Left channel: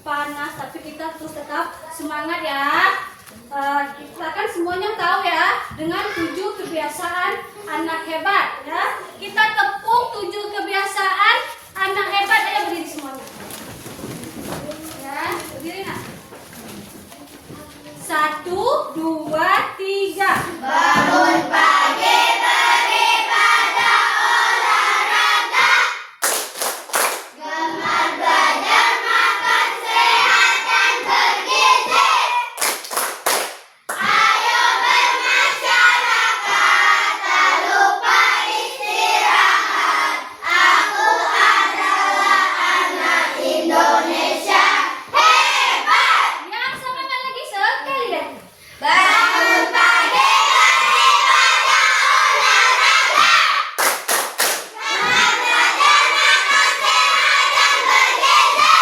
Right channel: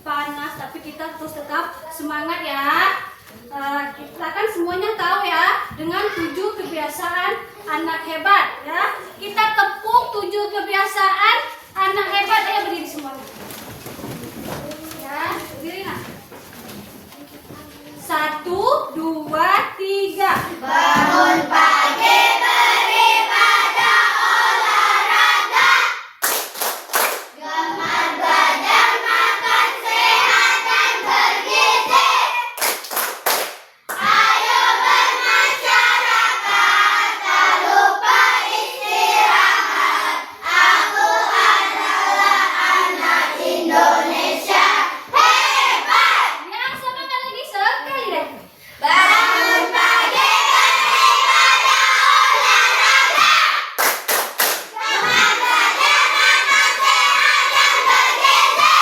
panas, tapi kita terus tetap semangat ya. Kita kan semuanya tahu ya, dengan 7 kebiasaan anak hebat ya. Kita tepuk 7 kebiasaan anak hebat. Ayo berdiri semuanya. Ya, berdiri nak. 1, 2, 3. Bangun pagi beribadah olahraga, gemar belajar makan sehat dan bergizi. Ayo bermasyarakat, tak lupa istirahat. Aku adalah anak Indonesia hebat. Yang semangat lagi sekali lagi. Bangun pagi beribadah olahraga, gemar belajar makan sehat dan bergizi.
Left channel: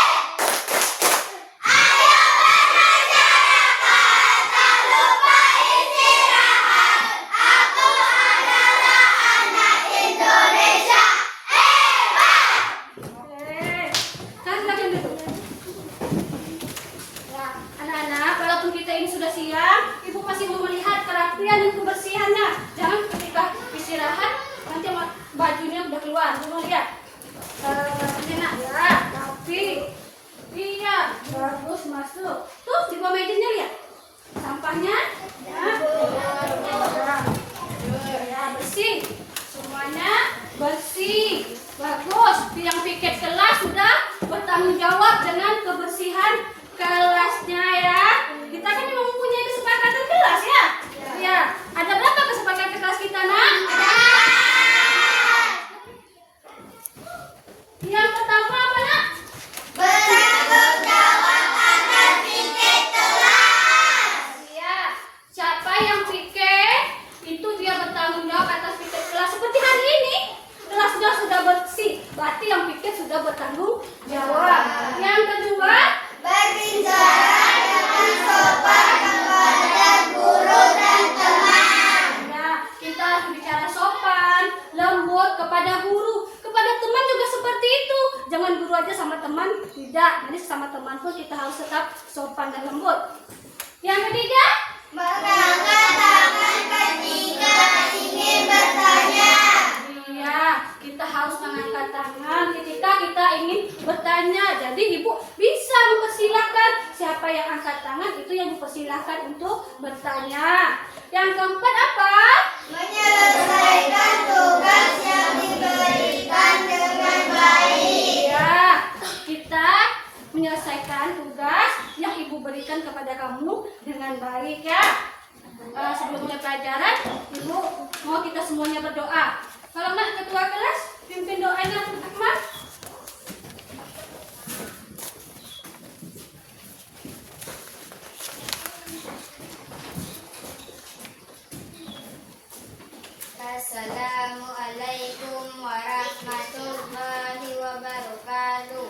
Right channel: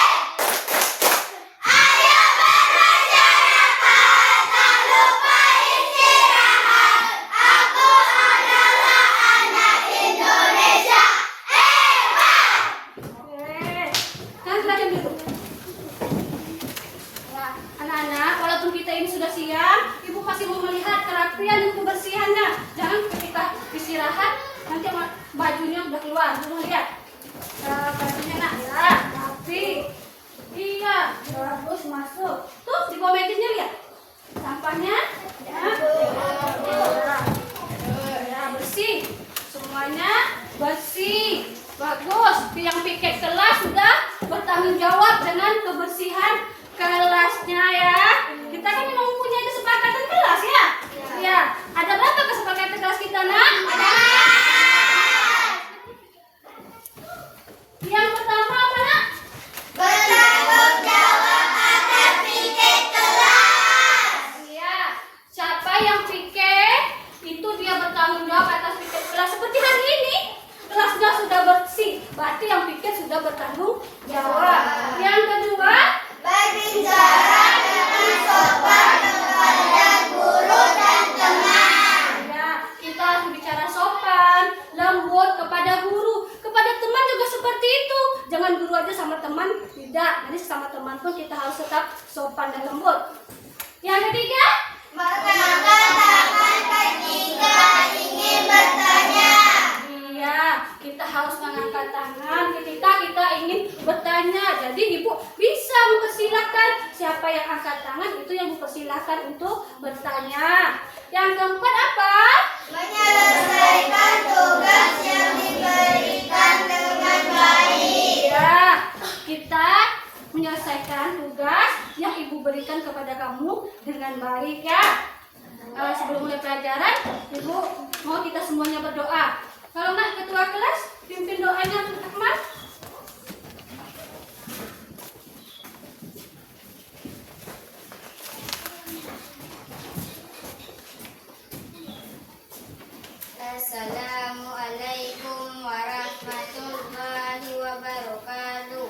Ayo bermasyarakat, tak lupa istirahat. Aku adalah anak Indonesia hebat. Kan silakan duduk. Ya, anak-anak, walaupun kita ini sudah siang, ibu masih mau melihat kerapian dan kebersihannya. Jangan ketika istirahat nanti bajunya udah keluar. Mau lihat bajunya nak ya, rapi. Iya, bagus masuk. Tuh di bawah mejanya lihat sampahnya. Ya, ya bersih. Semuanya bersih. Bagus. Yang piket kelas sudah bertanggung jawab dengan kebersihan kelasnya ya. Kita kan memang mempunyai kesepakatan kelas ya. Ya. Ada berapa kesepakatan kelas kita nak? Yang pertama apa nak? Bertanggung jawab atas piket kelas. Iya. Siapa yang piket itu dia bertanggung jawab atas piket kelas. Seperti hari ini kelasnya sudah bersih. Berarti yang piket sudah bertanggung jawab. Yang kedua, Berbicara dengan sopan kepada guru dan teman. ya, kita harus bicara sopan, lembut kepada guru, kepada teman juga seperti itu. Jangan guru aja sama teman, tidak. Nanti sama teman pun kita harus tetap sopan dan lembut. Yang ketiga, Mengangkat tangan ketika ingin bertanya. iya, kita harus mengangkat tangan ketika kita ingin bertanya. Jadi ibu bisa mempersilahkan siapa yang angkat tangan itu yang mempersilahkan untuk bertanya. Yang keempat apa? Menyelesaikan tugas yang diberikan dengan baik. Ya, kita menyelesaikan tugas yang ibu berikan kepada kamu dengan baik ya. Sebelum mulai pelajaran, ibu mau kita semuanya berdoa. Kalau nak ketua kelas, pimpin doanya teman-teman. Assalamualaikum warahmatullahi wabarakatuh.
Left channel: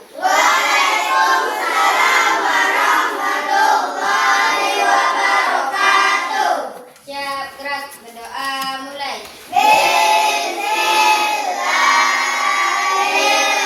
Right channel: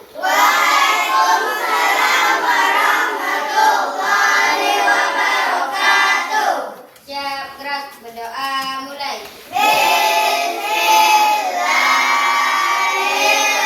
Siap, gerak, berdoa, mulai. Bismillahirrahmanirrahim.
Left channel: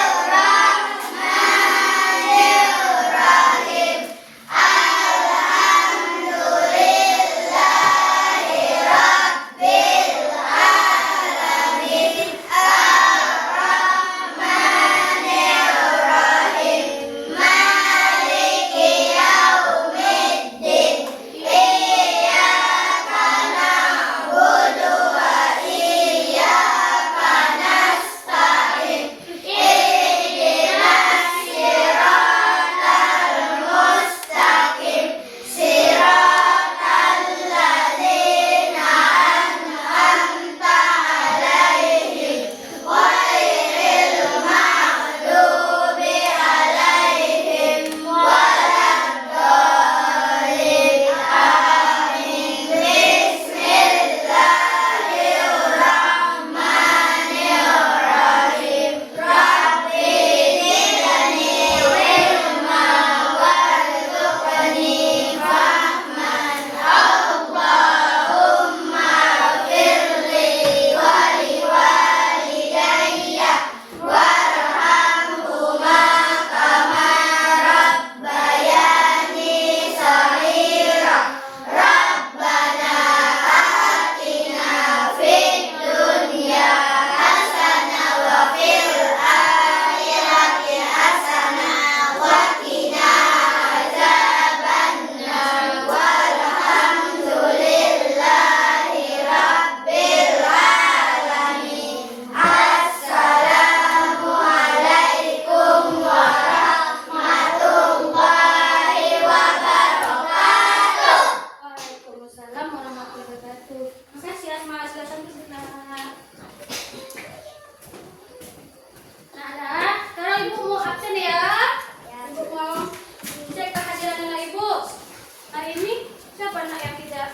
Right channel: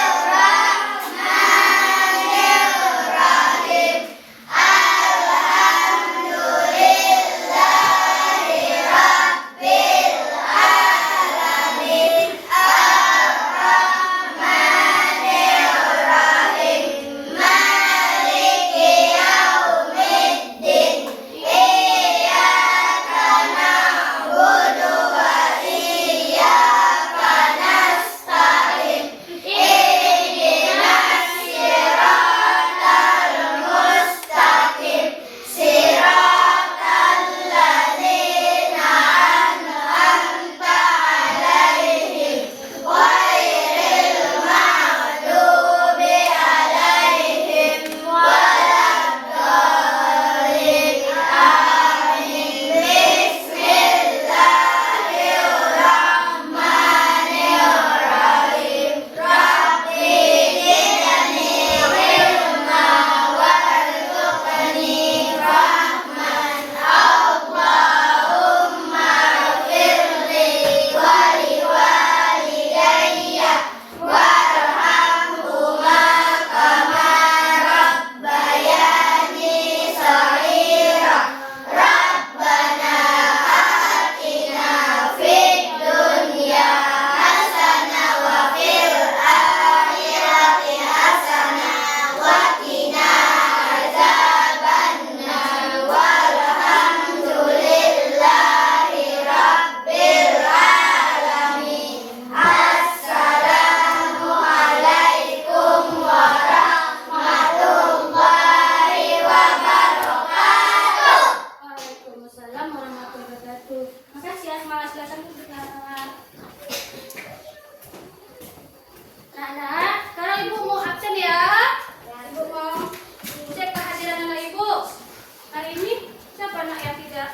nak yang tidak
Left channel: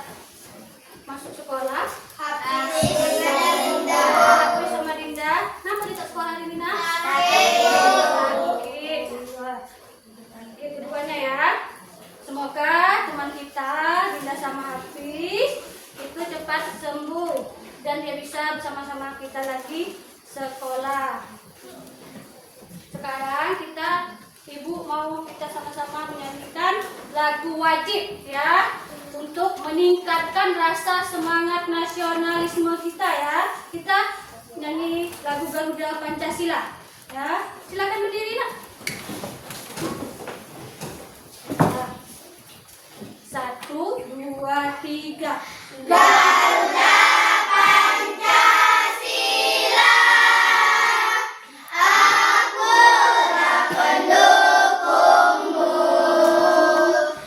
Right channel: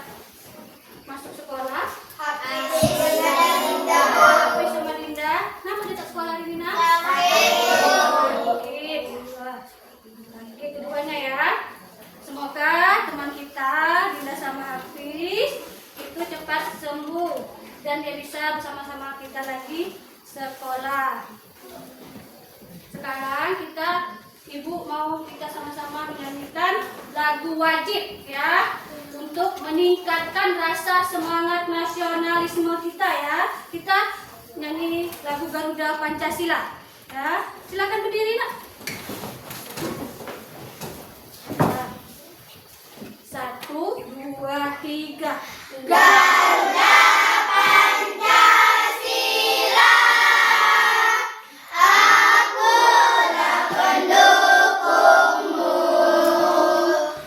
masuk sekolah? Hafiz dengan Linda. Hafiz sama Dinda. Kenapa tidak sekolah hari ini, nak? Oke, keduanya ya. Semoga teman kita Dinda sama Hafiz itu cepat sembuh dan dia bisa bersama-sama kita lagi sekolah. Sekarang Ibu mau kita sama-sama menyanyikan lagu wajib ya, untuk meningkatkan rasa semangat nasionalisme kita ya. Kita nyanyi lagu Garuda Pancasila ya. Silakan berdiri, nak. 1, 2, 3. Garuda Pancasila, akulah pendukungmu,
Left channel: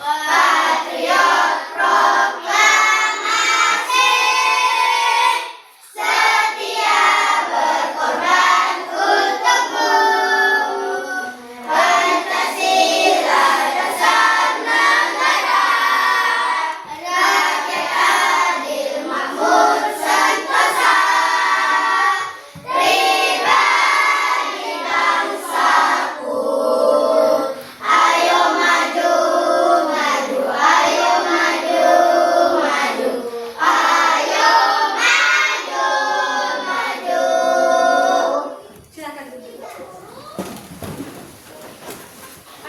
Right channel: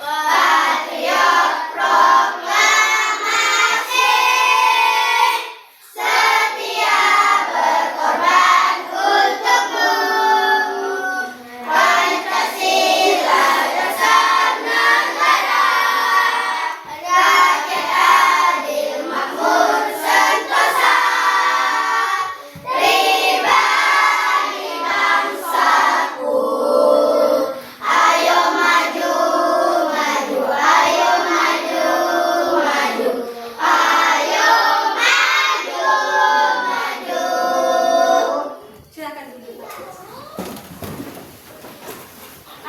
patriot proklamasi, setia berkorban untukmu. Pancasila dasar negara, rakyat adil makmur sentosa, pribadi bangsaku. Ayo maju, maju, ayo maju, maju, ayo maju, maju. Silakan duduk.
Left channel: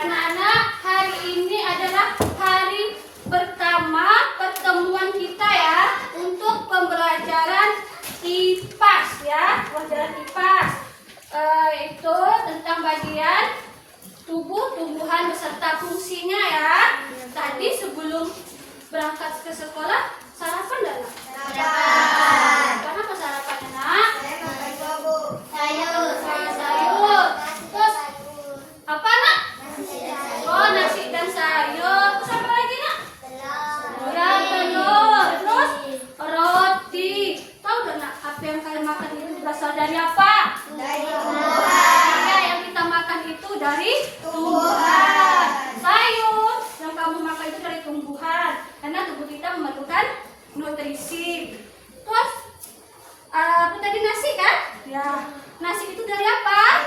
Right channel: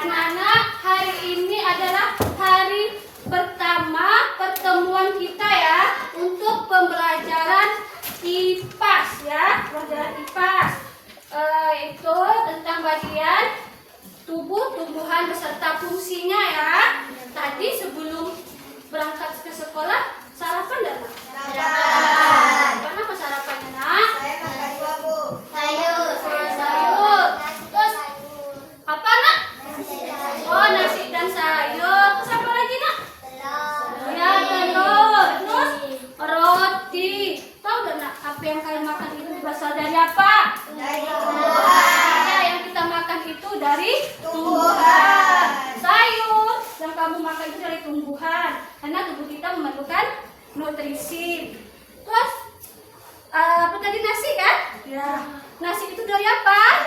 Anak-anak, hari ini adalah hari pertama pertemuan kita ya untuk pembelajaran IPAS ya, pelajaran IPAS. Itu tentang bagian tubuh, tumbuhan beserta fungsinya ya. Tadi sebelum berangkat ke sekolah sarapan enggak, nak? Sarapan. Apa sarapannya, nak? Sayur. Sayur. Terus apa, nak? Oh, nasi dan sayur. Terus apa lagi, nak? Ya, telur. Terus roti. Tahu gak, nak, apa yang kalian makan itu berasal dari apa? Dari tumbuhan. Ya, yang kita makan itu dari tumbuhan. Sayur yang kamu makan itu dari tumbuhan. Karena tubuh kita memerlukan nutrisi. Terus apa tadi, nasi kan? Ya, nasi itu dari apa?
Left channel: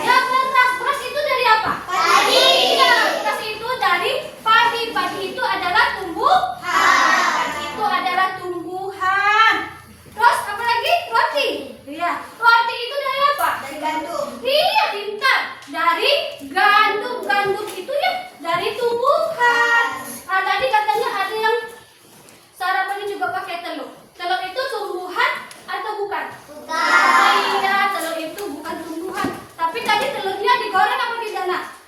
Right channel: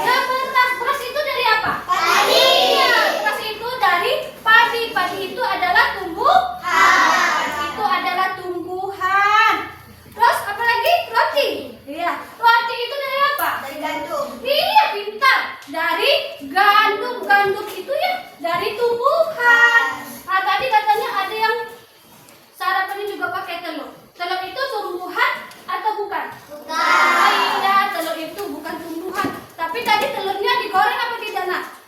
Ya, beras. Beras itu dari apa? Padi. Iya, beras itu dari padi. Padi itu adalah tumbuhan. Itu adalah tumbuhan. Terus apa lagi? Roti. Iya, roti itu dari apa? Dari gandum. Iya, pintar. Dari gandum. Gandum itu ya dari tumbuhan. Tadi katanya ada yang sarapannya juga pakai telur. Telur itu tumbuhan atau bukan? Bukan. Iya, telur itu bukan tumbuhan. Tapi tadi telurnya digoreng apa tidak, nak?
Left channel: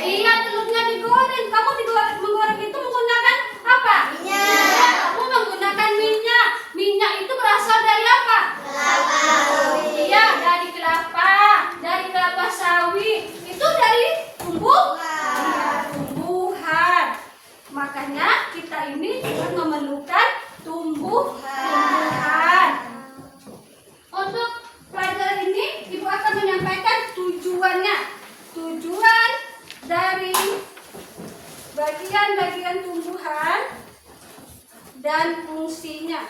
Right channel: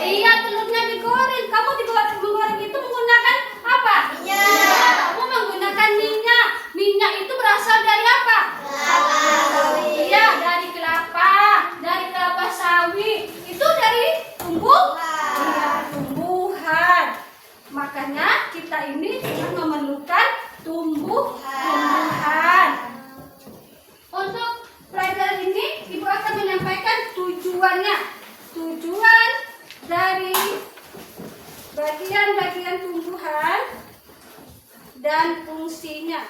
Iya, telurnya digoreng. Kamu menggoreng itu menggunakan apa? Minyak. Kamu menggunakan minyak. Minyak itu berasal dari apa? Iya, dari kelapa. Dari kelapa sawit. Itu dari iya, tumbuhan. Makanya kita ini memerlukan tumbuhan. Untuk pelajaran ini, Ibu akan menyampaikan tujuannya. Tujuan dari bagian-bagian tumbuhan dan fungsinya.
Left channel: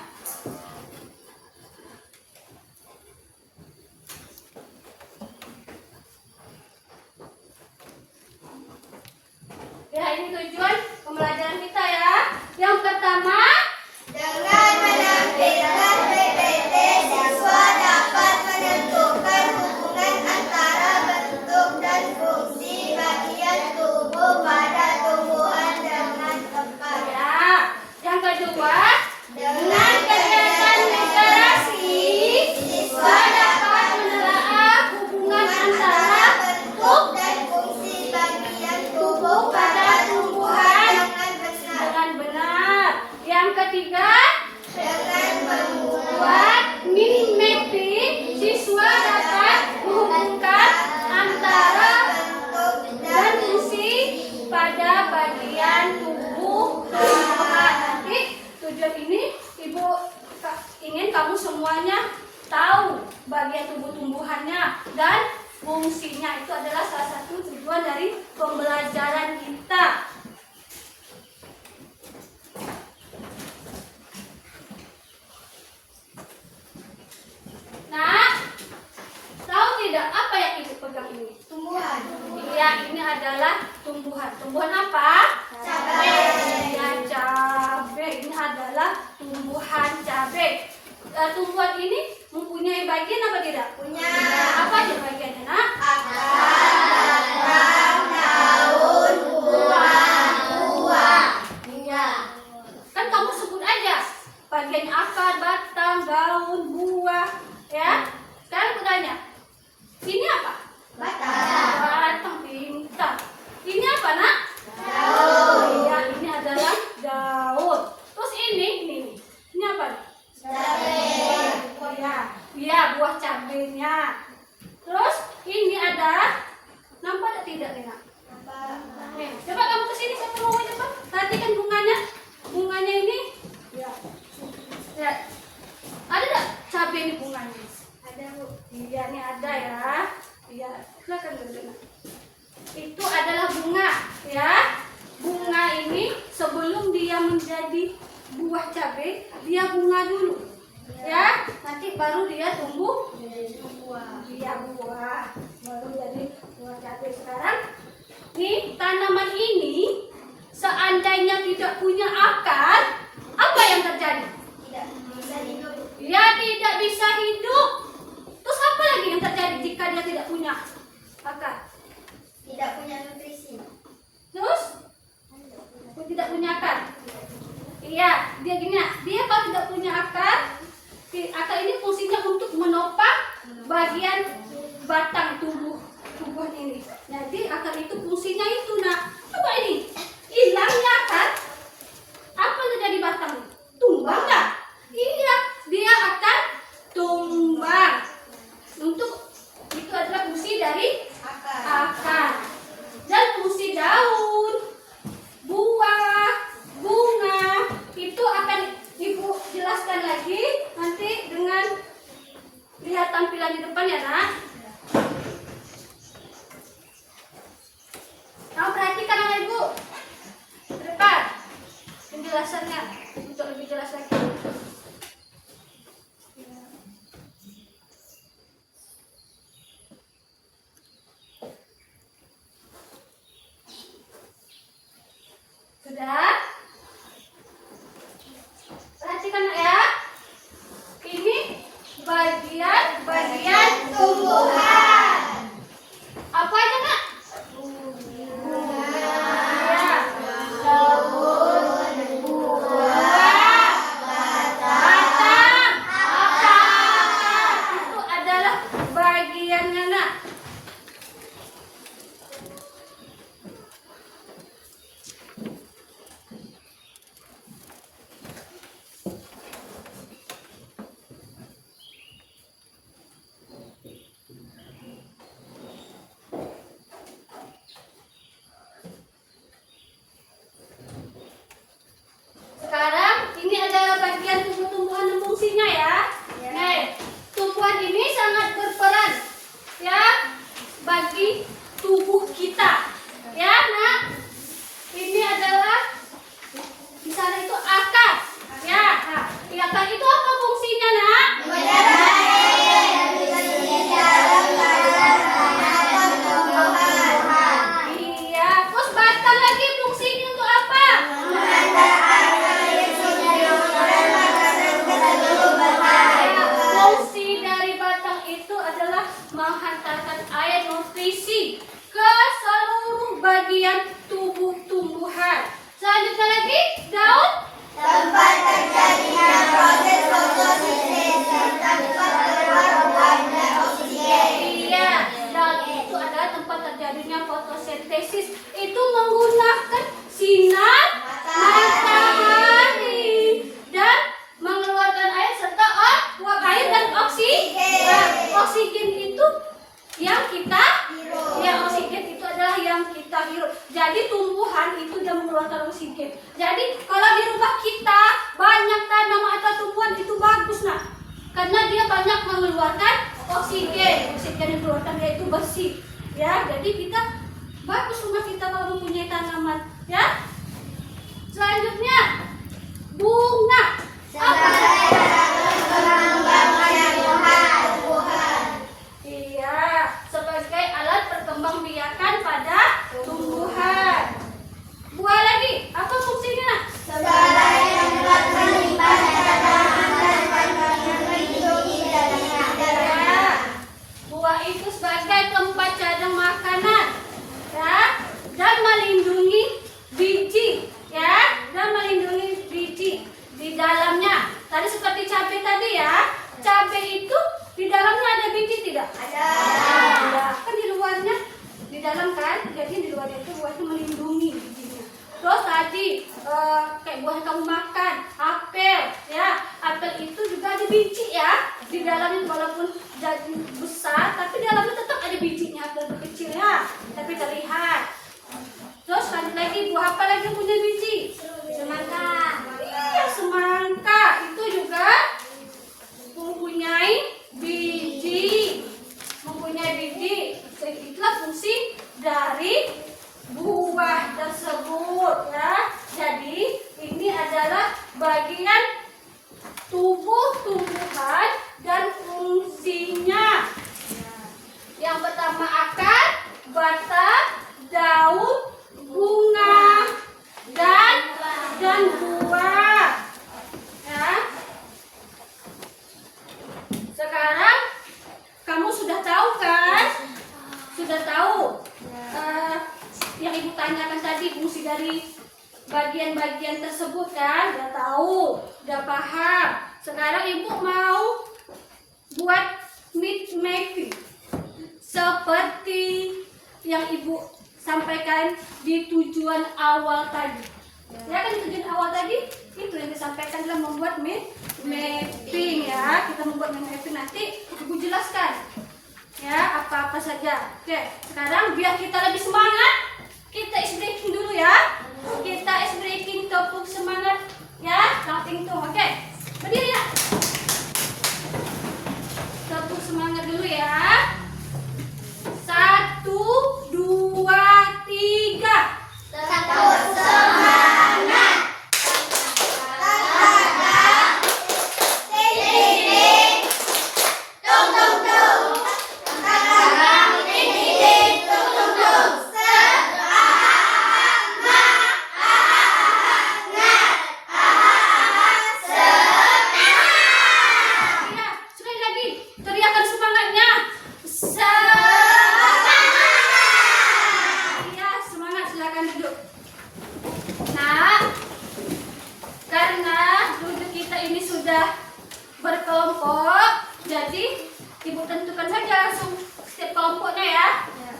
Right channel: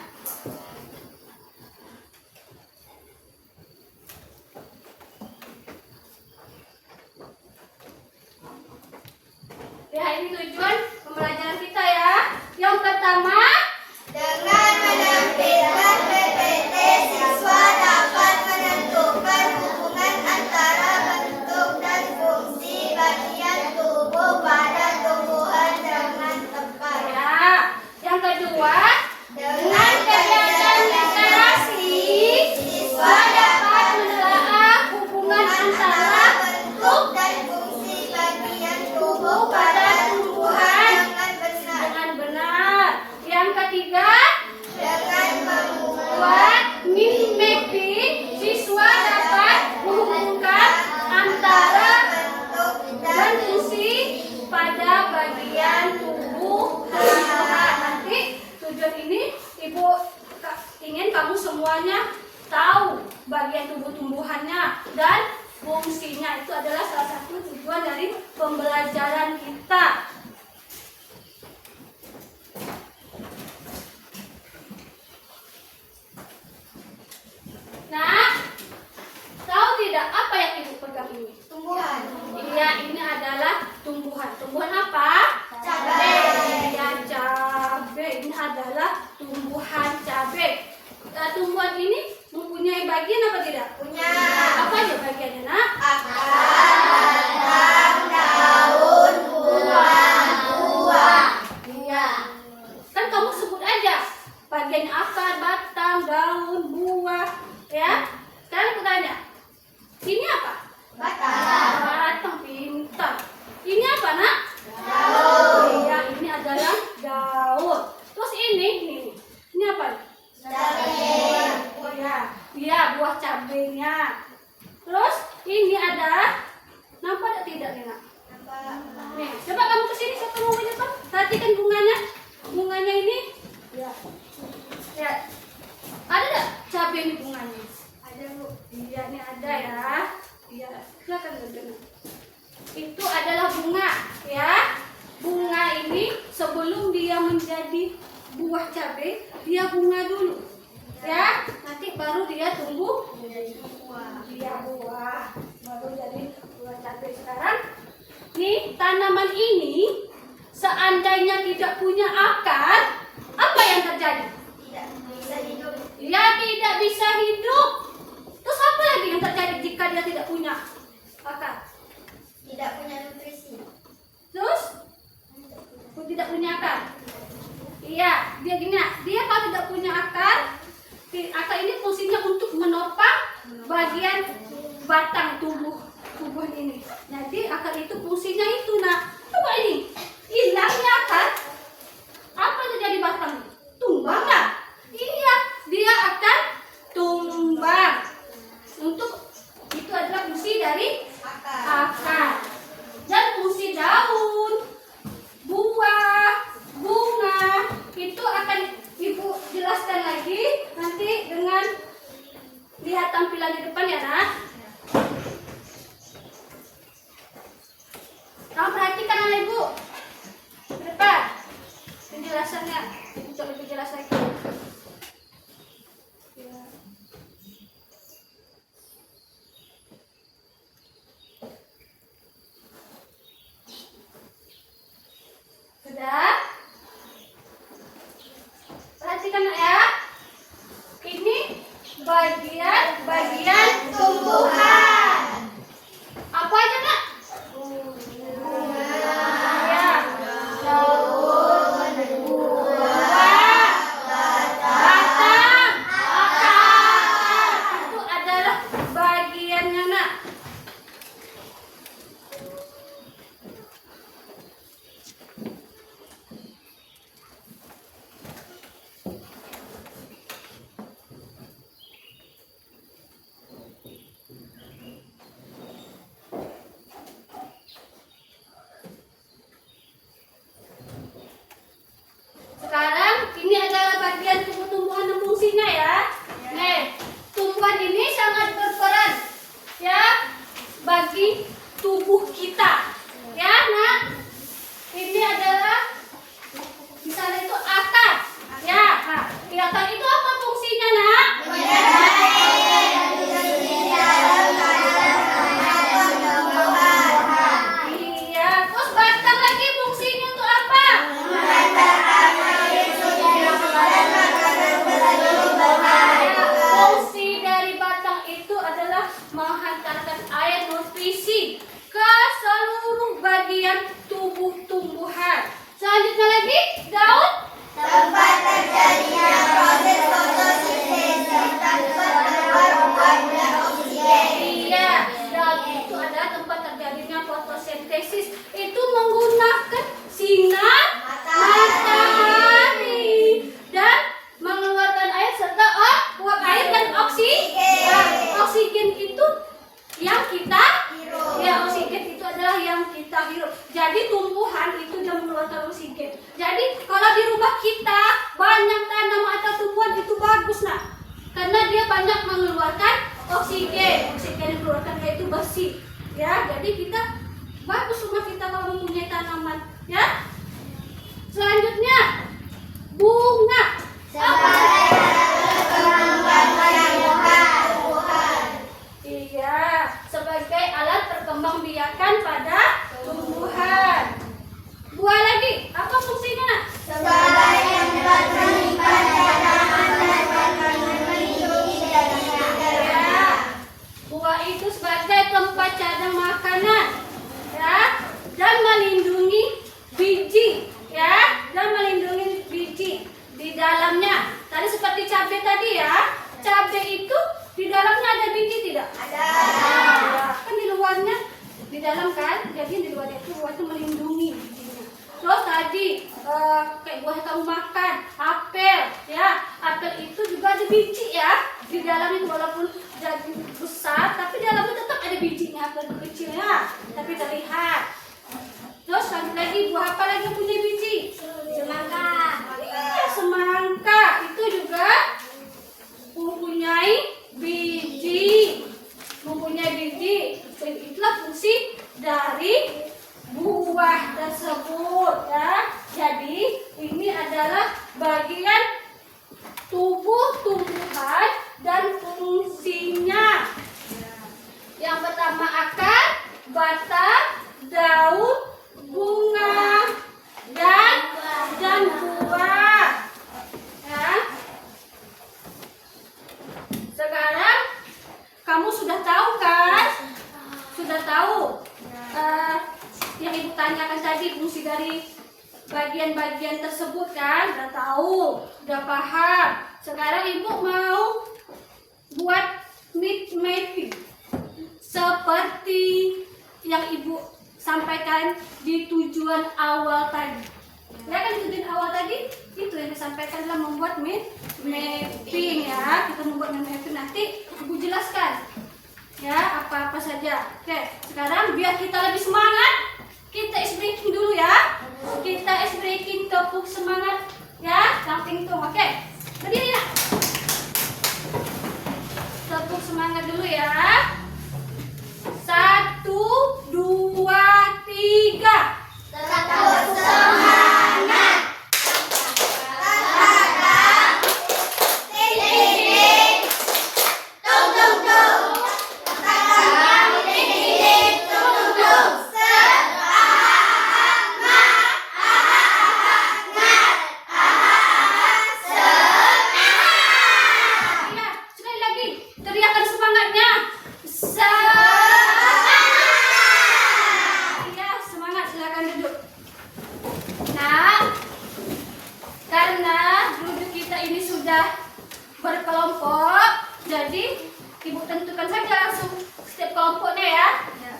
Ya, ini tujuan pembelajaran kita ya. Yang pertama, Dengan menerbitkan PPT, siswa dapat menentukan hubungan antara bentuk dan fungsi bagian tubuh pada tumbuhan dengan tepat. ya. Yang kedua, Dengan kegiatan literasi, siswa dapat menelaah hubungan antara bentuk dan fungsi bagian tubuh pada tumbuhan dengan benar. dengan benar. Yang ketiga, Dengan buat mapping, siswa dapat menghubungkan antara bentuk dan fungsi pada bagian tubuh tumbuhan. Nanti tujuan ini Ibu ingin kamu semuanya tahu bagian tubuh tumbuhannya dan fungsinya. Itu adalah salah satu tujuan dari pembelajaran kita. tumbuhan. Tumbuhan apa? Cabai. Ya, cabai. Ini adalah tumbuhan cabai. Tumbuhan ini mempunyai bagian apa tidak? Punya. Apa aja bagiannya, Nak? Akar, batang, daun, buah. Iya. Kan kamu sebut aja bagian akar, batang, daun, buah, ya. Sekarang aku tanya, ini apa? Batang. Batang, pintar. Ini apa, Nak? Daun. Iya, ini adalah daun. Terus ini apa? Cabai. Oh ya, iya buah cabenya. Terus ini ada, nampak ada tidak nih, Nak? Nih, coba kamu kesini, siapa mau ke depan? Perhatikan bunganya. Bunganya ini, ya, ya. Ada tidak cabai ini bunganya? Ada, Bu. Iya, ini ada ya. Iya, silakan Bunda. Itu adalah bunga, ya. Bunga ini sebelum dia menjadi buah cabai, dia bunga dulu, ya. Nanti baru dia tumbuh buah. Dia buah, baru jadi buah cabai. Sekarang, nih tanaman ini seandainya tidak punya akar, apa yang terjadi? Tidak bisa hidup. Dia tidak bisa hidup. Terus apa lagi yang terjadi jika dia tidak punya akar? Tidak punya nutrisi. Terus tidak punya akar. Iya, dia gini, dia kalau tidak punya akar, akar ini fungsinya untuk menopang bagian batang tubuh ini. Jadi akar itu fungsinya itu, Nak. Coba ini, hilangnya akar, apa yang terjadi batang? Tumbang nggak? Iya, dia akan tumbang. Untuk itu adalah fungsi dari akar. Dan fungsi daun, buah, bunga itu akan Ibu jelaskan lagi nanti dengan lihat tampilan di depan ya, Nak. Kamu perhatikan anak Ibu ke depan penjelasannya untuk lebih jelas lagi. Ya. Sudah? Perhatikan ya. Ini bagian Tumbuhan. apa aja, Nak? Ya. Daun, Buah, batang, akar. Itu adalah bagiannya, Nak. Sekarang ini adalah bagian tumbuh-tumbuhan dan fungsinya ya. Nih, tumbuhan ini sangat berperan ya bagi tubuh kita. Ya, Nak. Ini adalah di sana itu akar. Ya, nah, di akar itu apa fungsinya, Nak? Iya, terus batang lagi fungsinya untuk apa? Fungsi dari batang itu adalah menghantarkan air nutrisi ke seluruh bagian tubuh tumbuhan. Selanjutnya lagi daun. Tempat terjadinya proses fotosintesis serta tempat keluar buah dan oksigen. Iya, daun itu adalah tempat terjadinya fotosintesis. Itu menggunakan sinar matahari dan mengeluarkan air serta uap air dan oksigen. Nah, oksigen itu yang kita ya, oksigen itu adalah yang kita hirup. Jadi tumbuhan itu dia mengeluarkan oksigen. Jadi kalau di rumah kita banyak tanaman atau tumbuhan itu bagus, Nak. Karena dia banyak mengeluarkan oksigen. Oksigen yang dikeluarkan dia itu bersih. Ya, jadi kita bagus rumah kita kalau mempunyai tanaman, ya. Selanjutnya bunga. Iya, sebagai alat perkembangbiakan pada tumbuhan. kayak buah yang kamu makan, apel, ya. Apel itu juga ada biji ya. Di dalamnya walaupun jadi besar, tapi di dalamnya tetap ada bijinya, apel kecilnya, tapi terlihat. Terus lanjut lagi, buah apa lagi yang punya biji? Semangka. Iya, semangka itu juga mempunyai biji. Itulah fungsi dari buah tersebut ya. Jadi ini adalah bagian tubuh tumbuhan dan fungsinya. Yang pertama akar, batang, daun, bunga, dan buah. Ya. Sekarang kamu sudah tahu kan? Sudah tahu yang ibu tanyakan tadi fungsi dari bagian-bagian tersebut kan? Sudah tahu, sudah paham. Sekarang ibu mau buat meat mapping seperti yang ibu sampaikan di tujuan awal tadi. Ya kan tujuan awal tadi itu yang disampaikan adalah membuat mapping ya. Kita membuat mapping nanti ibu jelaskan ya apa-apa saja. Oke, sekarang biar kita lebih semangat, kita ice breaking dulu ya. Kita ice breaking, tepuk semangat ya, tung. Oke, berdiri ya. Tepuk semangat dulu ya. 1, 2, 3. Tepuk semangat. Ding. Tung. Ding. Tung. Ya, sekali lagi teriakan semangatnya. Ya, semangat, silakan duduk. Nah, karena duduk kita ini sudah berkelompok, jadi ibu tentukan saja langsung setiap kelompoknya ya.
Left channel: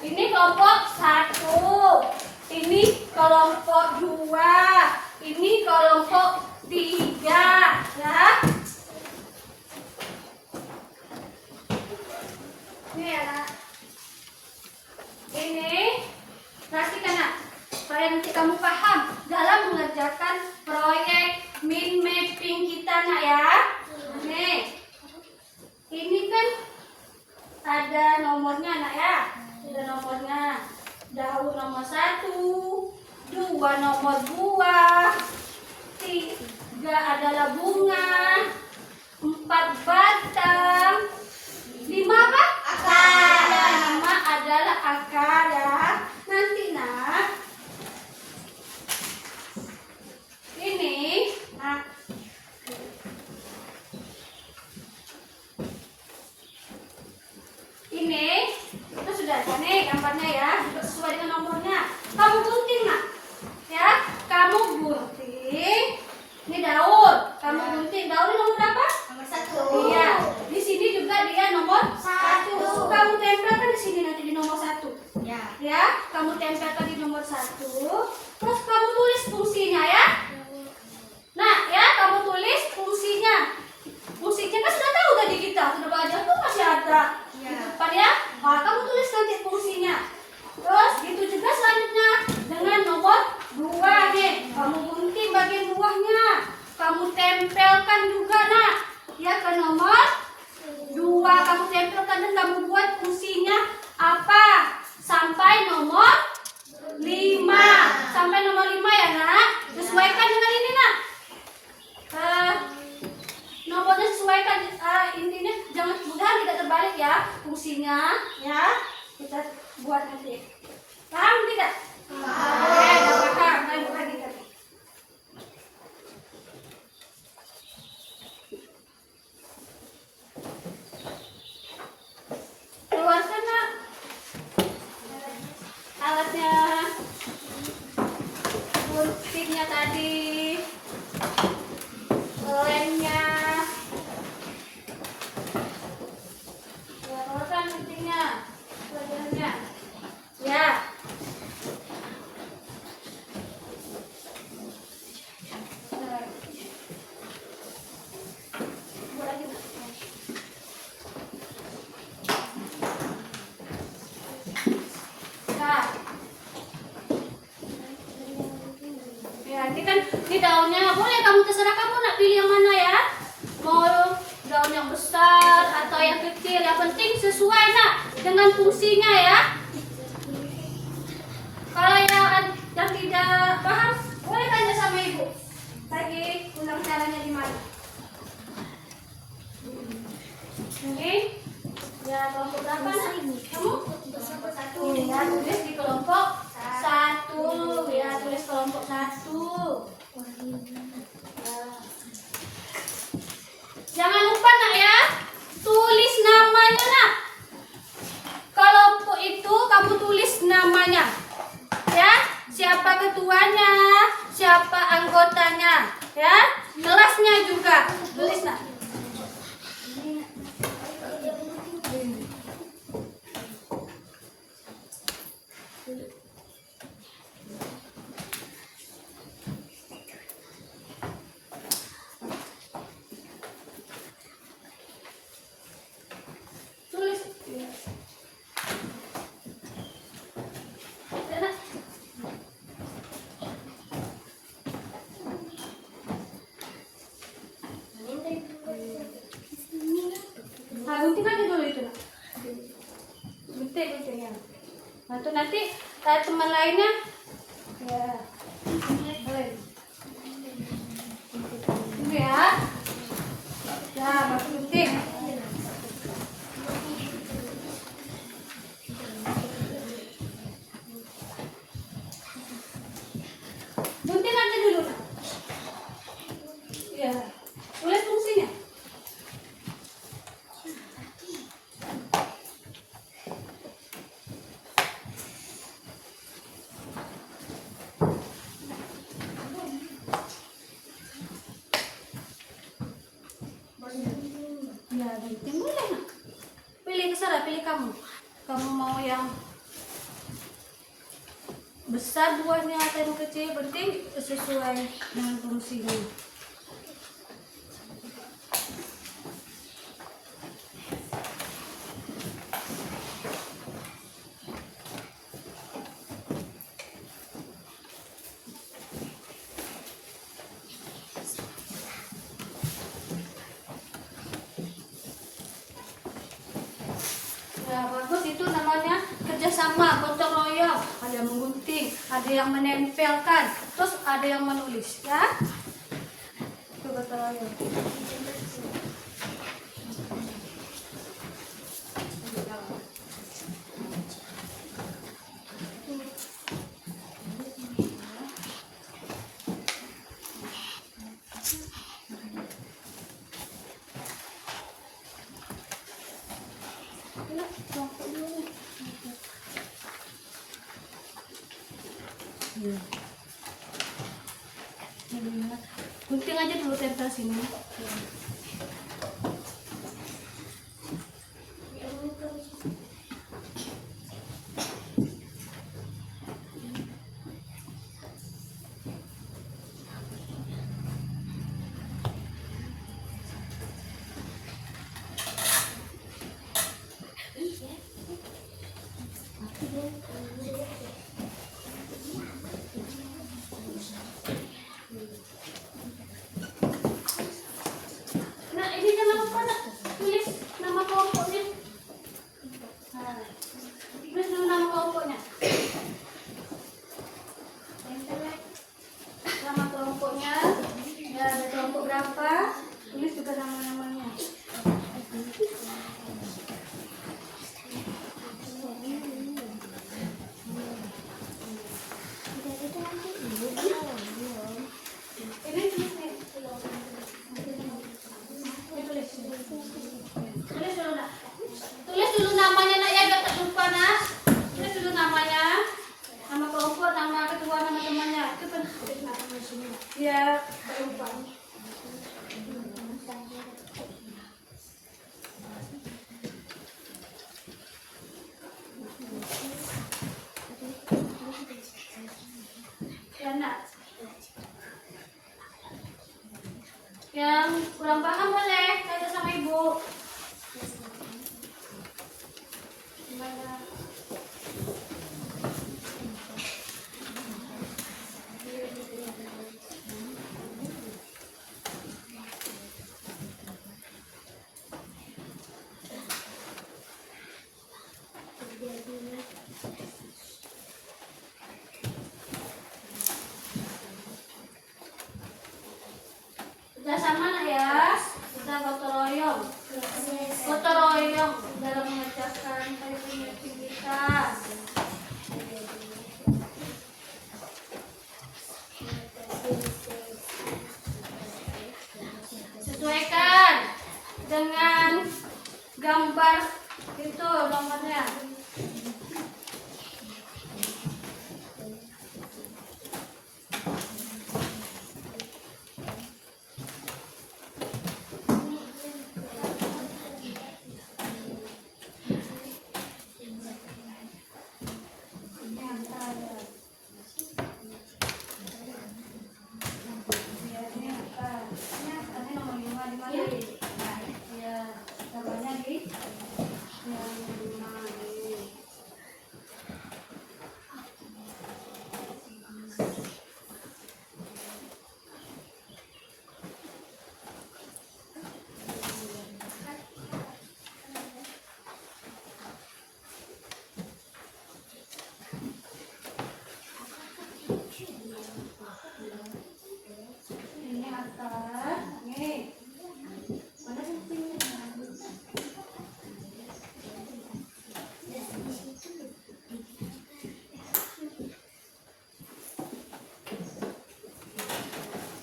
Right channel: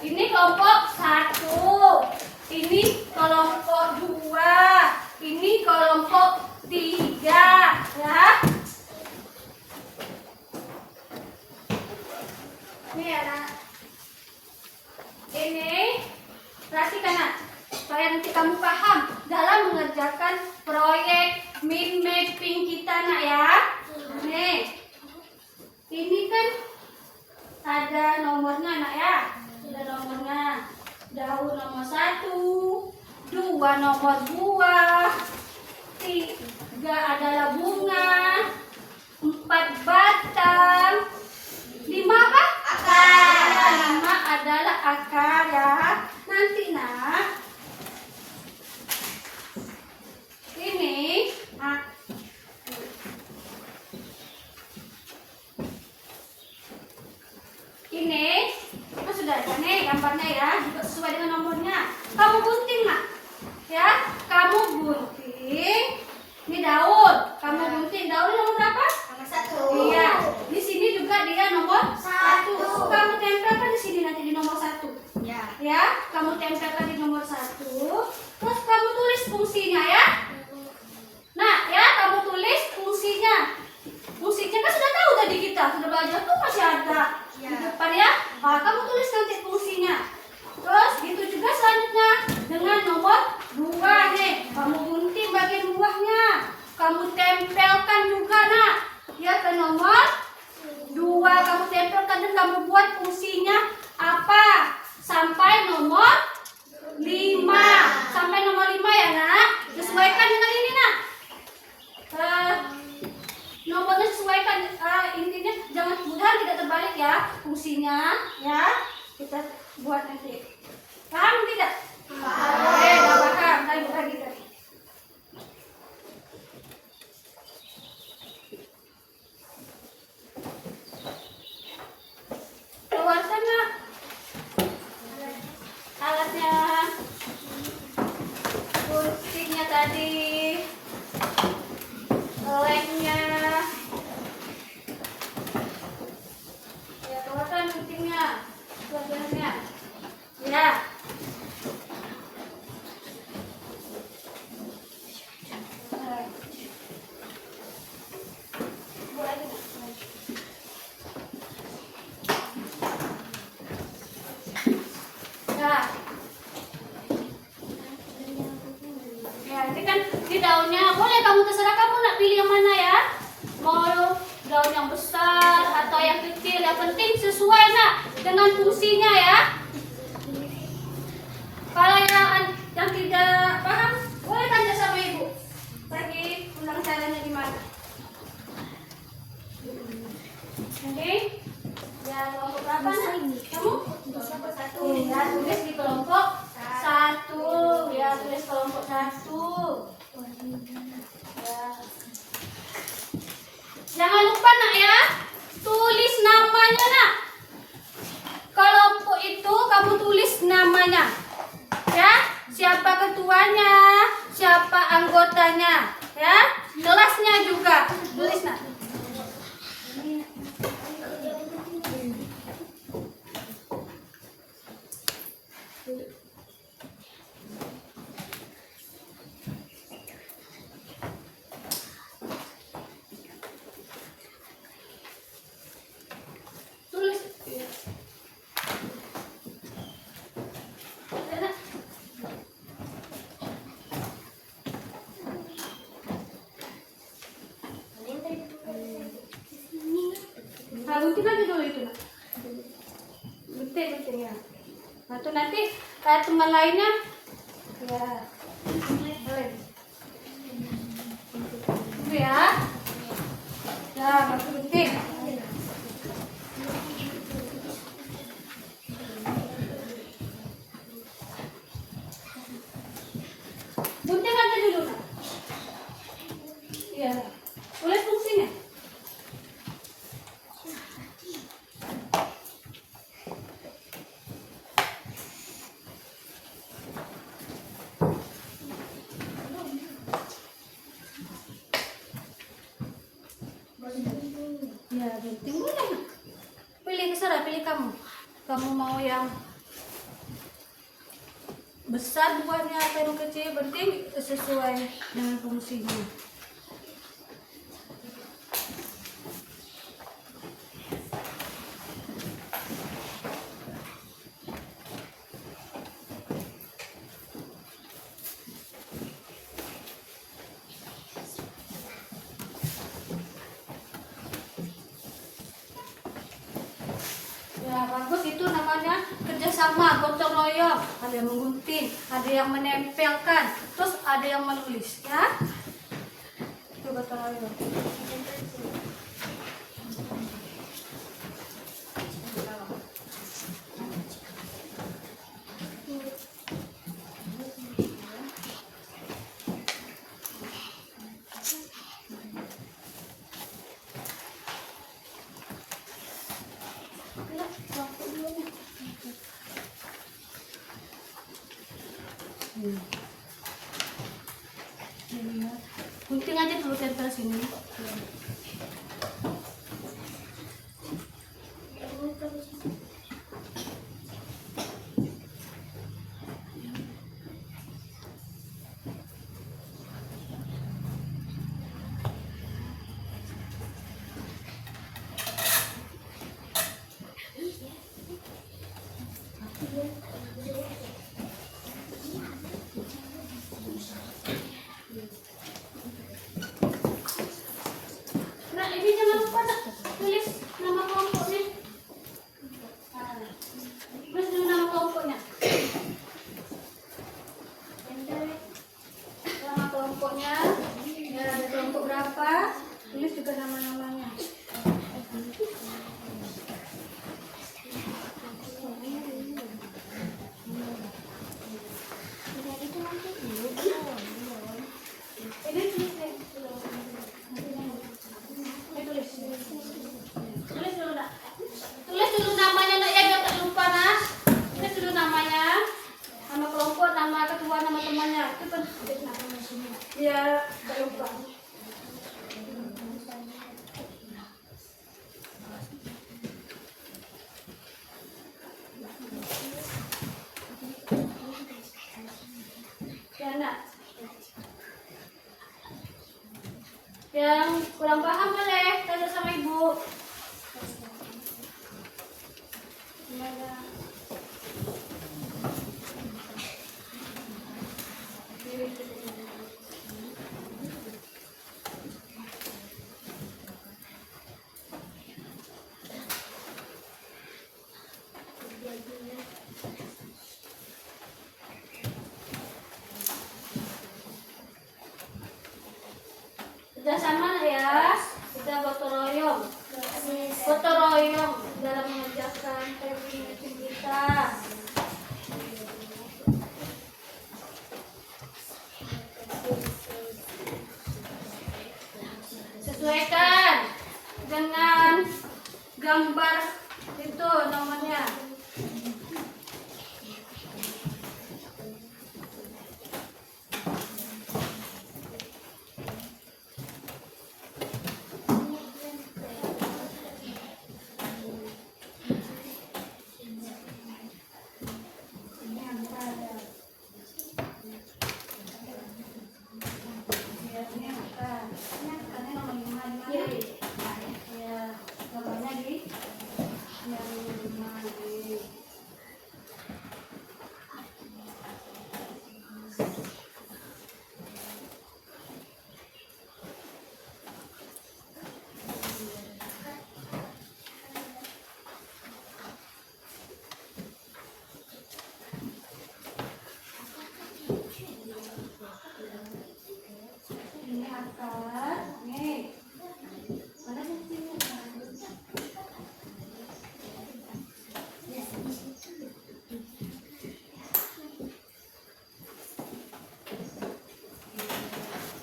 Ini kelompok 1, ini kelompok 2, ini kelompok 3 ya. Ini ya nak. Ini perhatikan nak, supaya nanti kamu paham dalam mengerjakan proyek mind mapping kita nak ya. Nih, ini kan ada nomornya nak ya. Ada nomornya. Daun nomor 1, 2 nomor buah, 3 adalah bunga, 4 batang, 5 apa? Akar. 5 adalah akar ya. Nanti nak, ini ini itu sudah ada nih gambarnya ya, juga sesuai dengan nomornya. Kamu gunting nak, ya. Kamu gunting. Ini daun. Kamu gunting daun nomor berapa? Nomor 1. Iya. Di sini juga dia nomor 1. 1. Kamu tempelkan di sini nanti di nomor 1. Ya. Ya, kamu tempelkan di nomor 1. Terus kamu tulis fungsinya ya. Nah, ya kamu tulis fungsinya. Fungsinya kan sudah tahu tadi kita sudah belajar tuh masih ada di depan ya. Nah, kamu tulis nanti fungsinya. Terus gitu juga selanjutnya dengan nomor 2 nih. Kamu gunting bagian buahnya. Kamu tempelkan juga nak. Ya ke nomor 2 kamu tempelkan dan kamu buat fungsinya apa? Sampai nomor 5. Sampai nomor 5 ya nak. Sesuaikan dengan ini nak. Nomornya sesuaikan, intinya jangan mudah tidak terbalik ya fungsinya ya, kita buat nanti. Paham tidak? Oke, udah paham. Ayo lagi tadi. Keluarkan nak alatnya, guntingnya tadi, lemnya. Ya, keluarkan guntingnya, bagiannya. Ya. Nanti kan di daunnya boleh kamu terserah kamu nak pilih yang mana ya. Mau daun yang besar atau yang kecil, yang penting sesuai nak dengan fungsinya ya. Kalau yang tidak paham, boleh tanya sama ibu. Lagi ulang caranya di mana? Oke. Ya, kelompok berapa nak? Kamu? Satu. Ya, tulis di kelompok satu. Ya, tulis kelompok satu. Ya. Jangan lupa nak ya, tulis namanya nak. Kelompok itu kamu tulis namanya. Ya, siapa ketuanya, siapa anggotanya, ya, kelasnya juga tulis nak. Tulis. Gunting aja dulu itu nak. Gunting ya. Nah itu nanti teman lainnya ya. Boleh. Ya. Ya, masuk gunting. Gunting aja dulu nak. Ya. Tulis fungsinya. Ya, gunting boleh nak. Pilih terserah, pilih kamu. Kamu mau yang besar buahnya atau yang kecil, penting sesuai dengan fungsinya. Ya, bagus, itu namanya kerjasama, gotong royong. Ada yang menggunting, ada yang menempelkan, terus ada yang menulis, ya. Itu gotong royong. Gunting aja dulu, tempel sini. Nah, ini jangan lupa nak tulis nama kelompoknya. Nah, tulis dulu nama kelompoknya. Nama kelompoknya, ada kelompok berapa, tulis juga nama-namanya. Ini tulis deh. Tulis dulu nak. Tulis dulu namanya nak ya, biar tak lupa nak. Tulis dulu namanya, nama kelompok, nama ketua, nama temannya. Itu kan tulis namanya semua. Biar tak lupa. Ya nak. Yang kurang paham boleh tanya sama ibu. Gimana? Kerjasama ya, kita gotong royong. Gotong royong dalam mengerjakan meeting kita. Sesuaikan dengan gambar itu nomornya.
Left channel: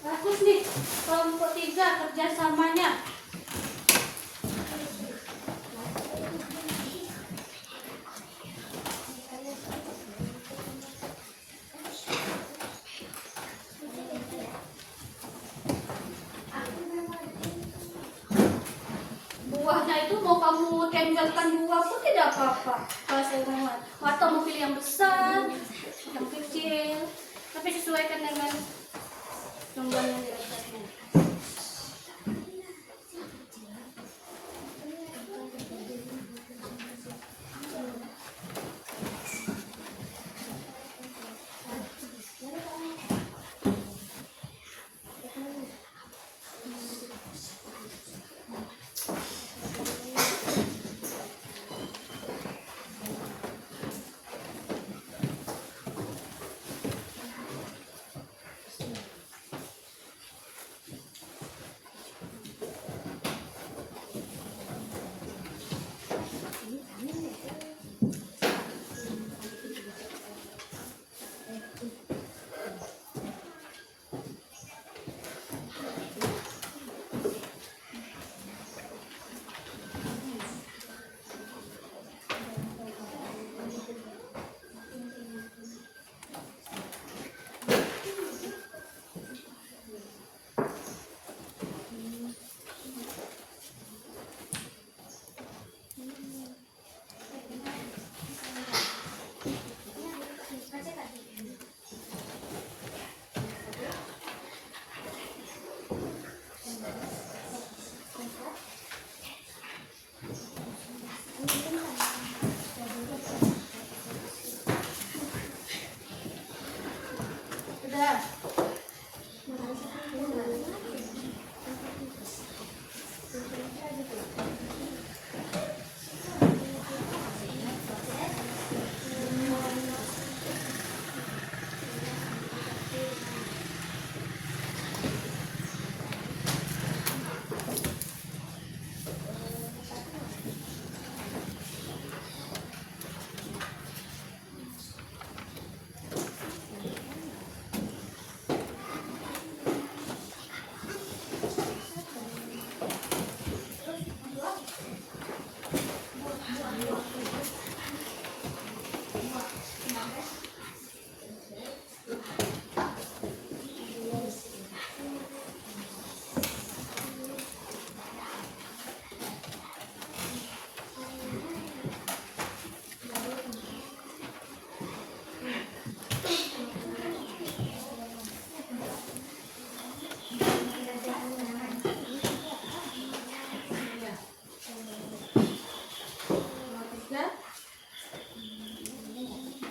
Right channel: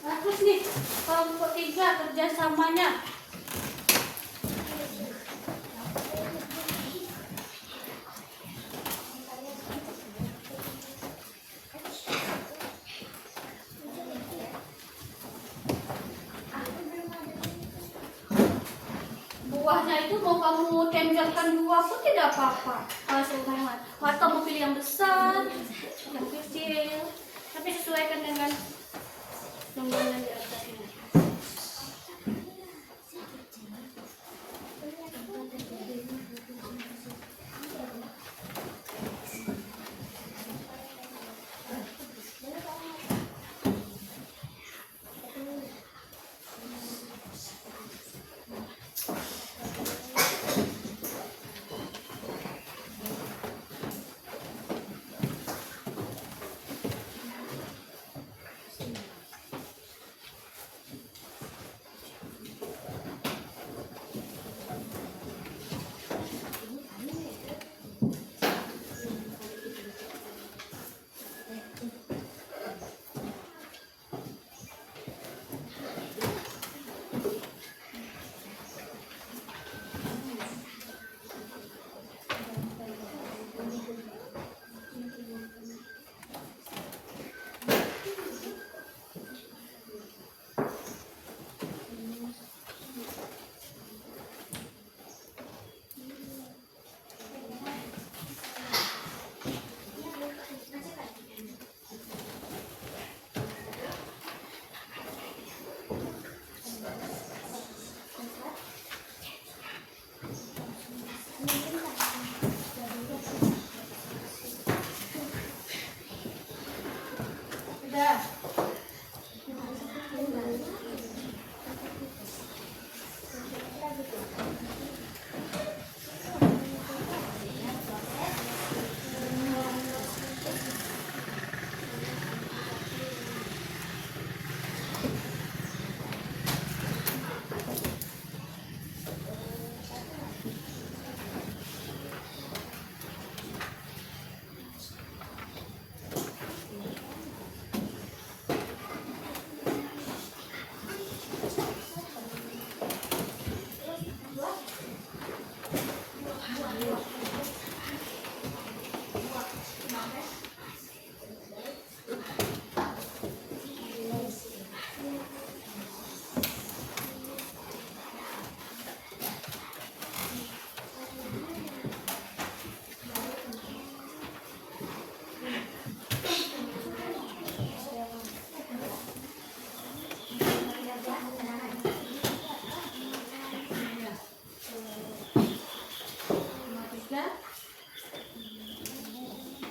Bagus nih, kelompok 3 kerjasamanya. Buahnya itu mau kamu temjolkan 2 pun tidak apa-apa. Bahasa Muhammad. Atau mau pilih yang besar, yang kecil. Tapi sesuaikan dengan lembarnya di atasnya.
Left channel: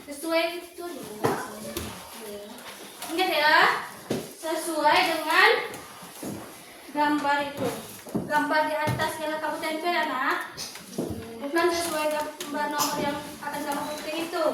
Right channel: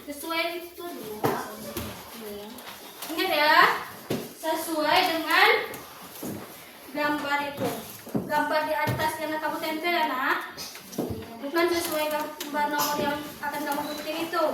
Sesuai itu dulu. Ingat ya, sesuai dengan gambar itu. Gambar di atas yang kamu tempel ya nak. Bukan sesuai gambar nomor yang akan kamu ketik itu.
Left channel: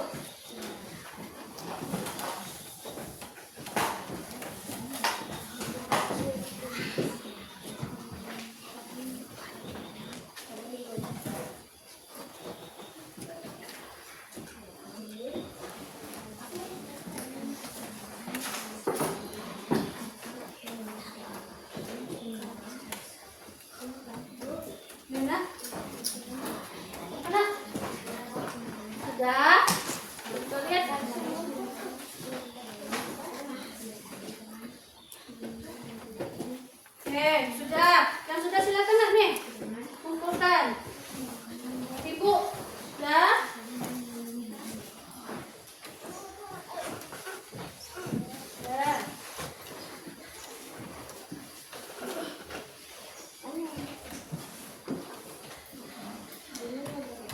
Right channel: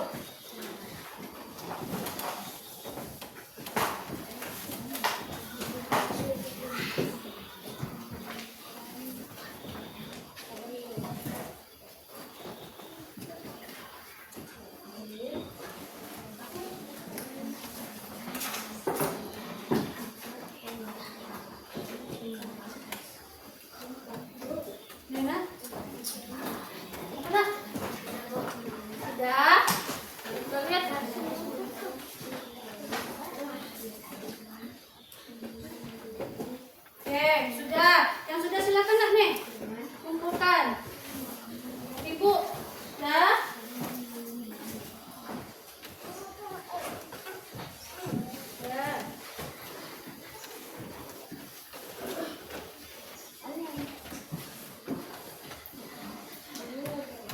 Oke, sudah. Yang sudah silakan nak nih. Kumpulkan. Ibu, sudah. Sudah.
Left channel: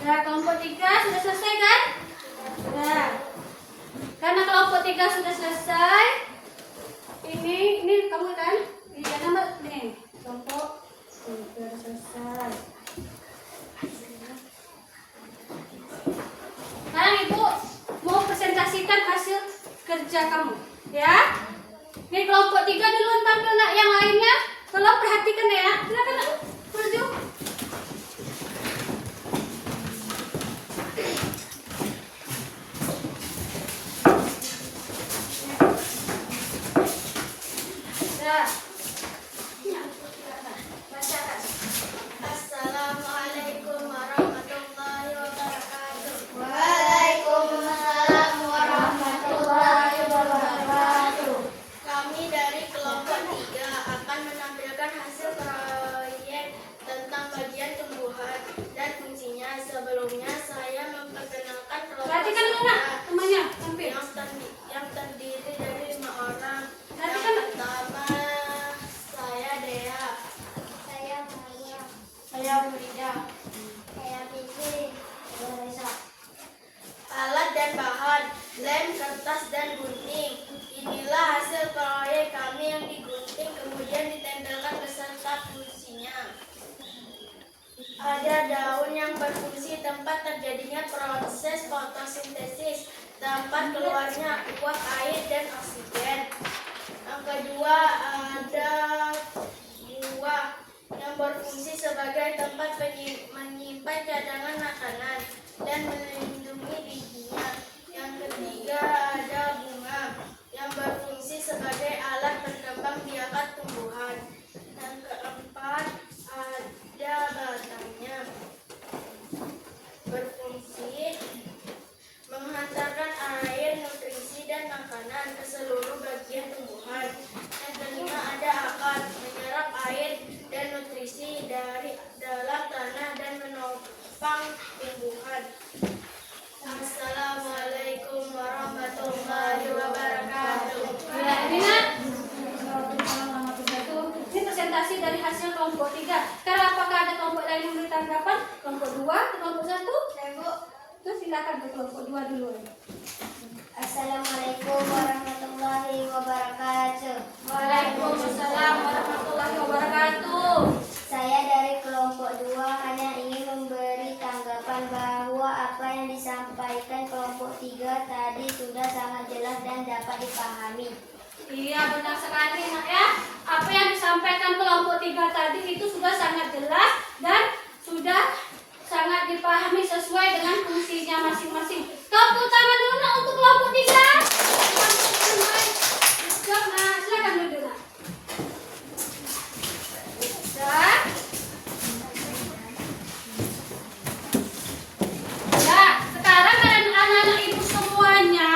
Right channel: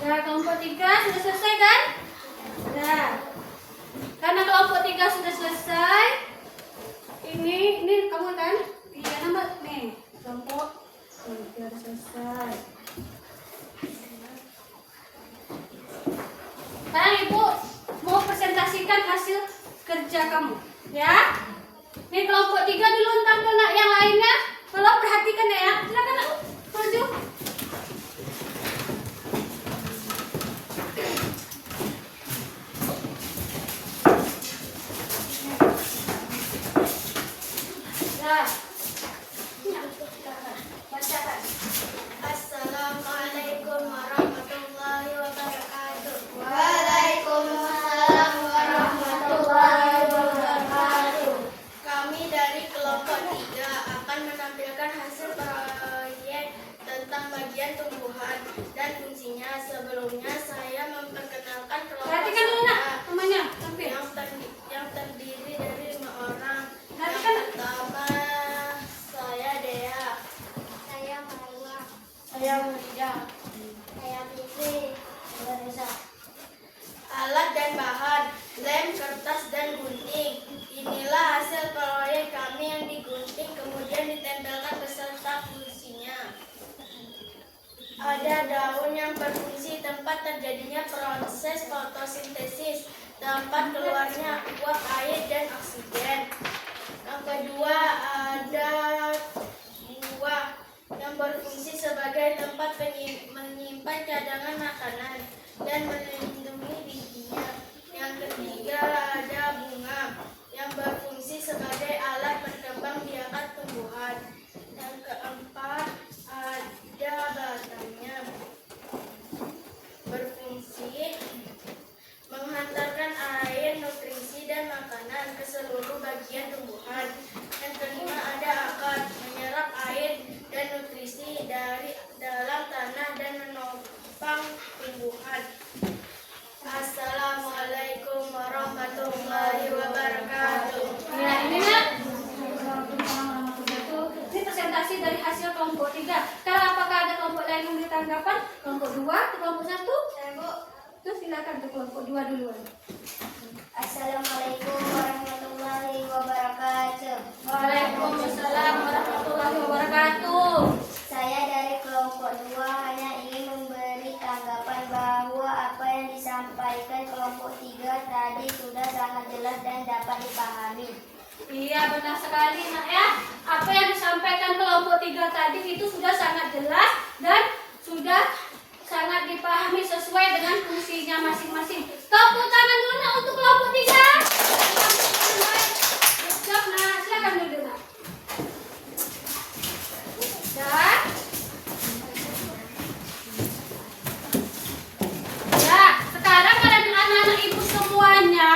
Nah, kelompok 3 sudah selesai kan? Nah, karena kelompok 3 sudah selesai, ini kamu kan? Iya, nama nih. Kelompok 3 selesai. Sekarang Ibu mau presentasikan hasil kerja kamu, ya? Nih kelompok 3 duluan tampil nak, yang lainnya tolong perhatikan ya. Silakan nak, maju. Assalamualaikum warahmatullahi wabarakatuh. Waalaikumsalam warahmatullahi wabarakatuh. Kami dari kelompok 3 akan menampilkan hasil proyek tentang bagian tumbuhan dan fungsinya. Sebelumnya saya memperkenalkan kelompok Perhatikan dulu nak, saya temannya tampil. yang terdiri dari 5 orang. Yang Perhatikan. pertama saya Dea, saya Marwa, Saya Murida. saya Bibi, saya Reza. Alat dan bahan, lem, kertas, dan gunting. Inilah hasil proyek kami yang digunting kemudian ditempelkan beserta fungsinya. Ada daun yang berfungsi tempat terjadinya proses fotosintesis, tempat keluarnya uap air dan oksigen. Yang kedua ada buah yang berfungsi sebagai tempat menyimpan cadangan makanan dan melindungi bijinya. Yang ketiga ada bunga yang berfungsi sebagai alat berkembang biakan tumbuhan. Yang keempat ada batangnya berfungsi menghantarkan air, nutrisi, dan makanan ke seluruh bagian tumbuhan. Yang kelima ada akar menyerap air dan nutrisi dari dalam tanah dan menopang tumbuhan. Assalamualaikum warahmatullahi wabarakatuh. Nah, ini nak. Ini presentasi dari hasil kelompok 3. Sekarang apakah ada kelompok lain yang memberi tanggapan? Kelompok 2 atau kelompok 1? Saya Bu. Terus silakan ke kelompok 2 duluan. Assalamualaikum warahmatullahi wabarakatuh. Waalaikumsalam warahmatullahi wabarakatuh. Saya dari kelompok 2 hanya ingin memberi tanggapan bahwa apa yang disampaikan kelompok 3 tadi sudah sangat jelas dan dapat dipahami. Iya, benar sekali nak ya. Apa yang disampaikan kelompok 3 tadi itu sudah sangat jelas dan sudah sangat dipahami sesuai dengan fungsinya masing-masing. Tepuk tangan dulu nak untuk kelompok 3. Nah, silakan duduk nak. Dan nah, sekarang anak-anak ibu semuanya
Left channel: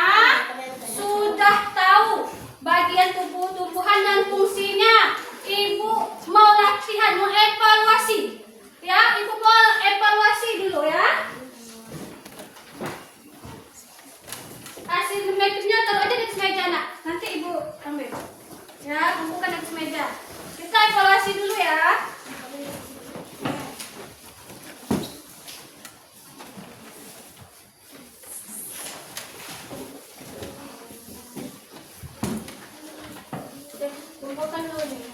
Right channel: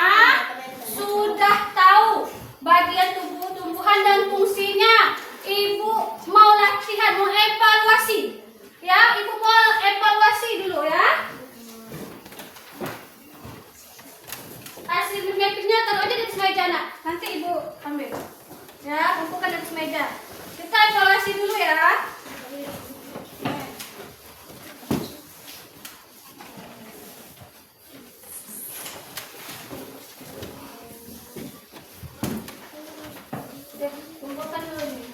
sudah tahu bagian tubuh tumbuhan dan fungsinya. Ibu mau latihan, mau evaluasi. Ya, ibu mau evaluasi dulu ya. Hasil mapnya taruh aja di atas meja nak. Nanti ibu ambil. Ya, kumpulkan di atas meja. Kita evaluasi dulu ya. Kumpulkan dulu nih.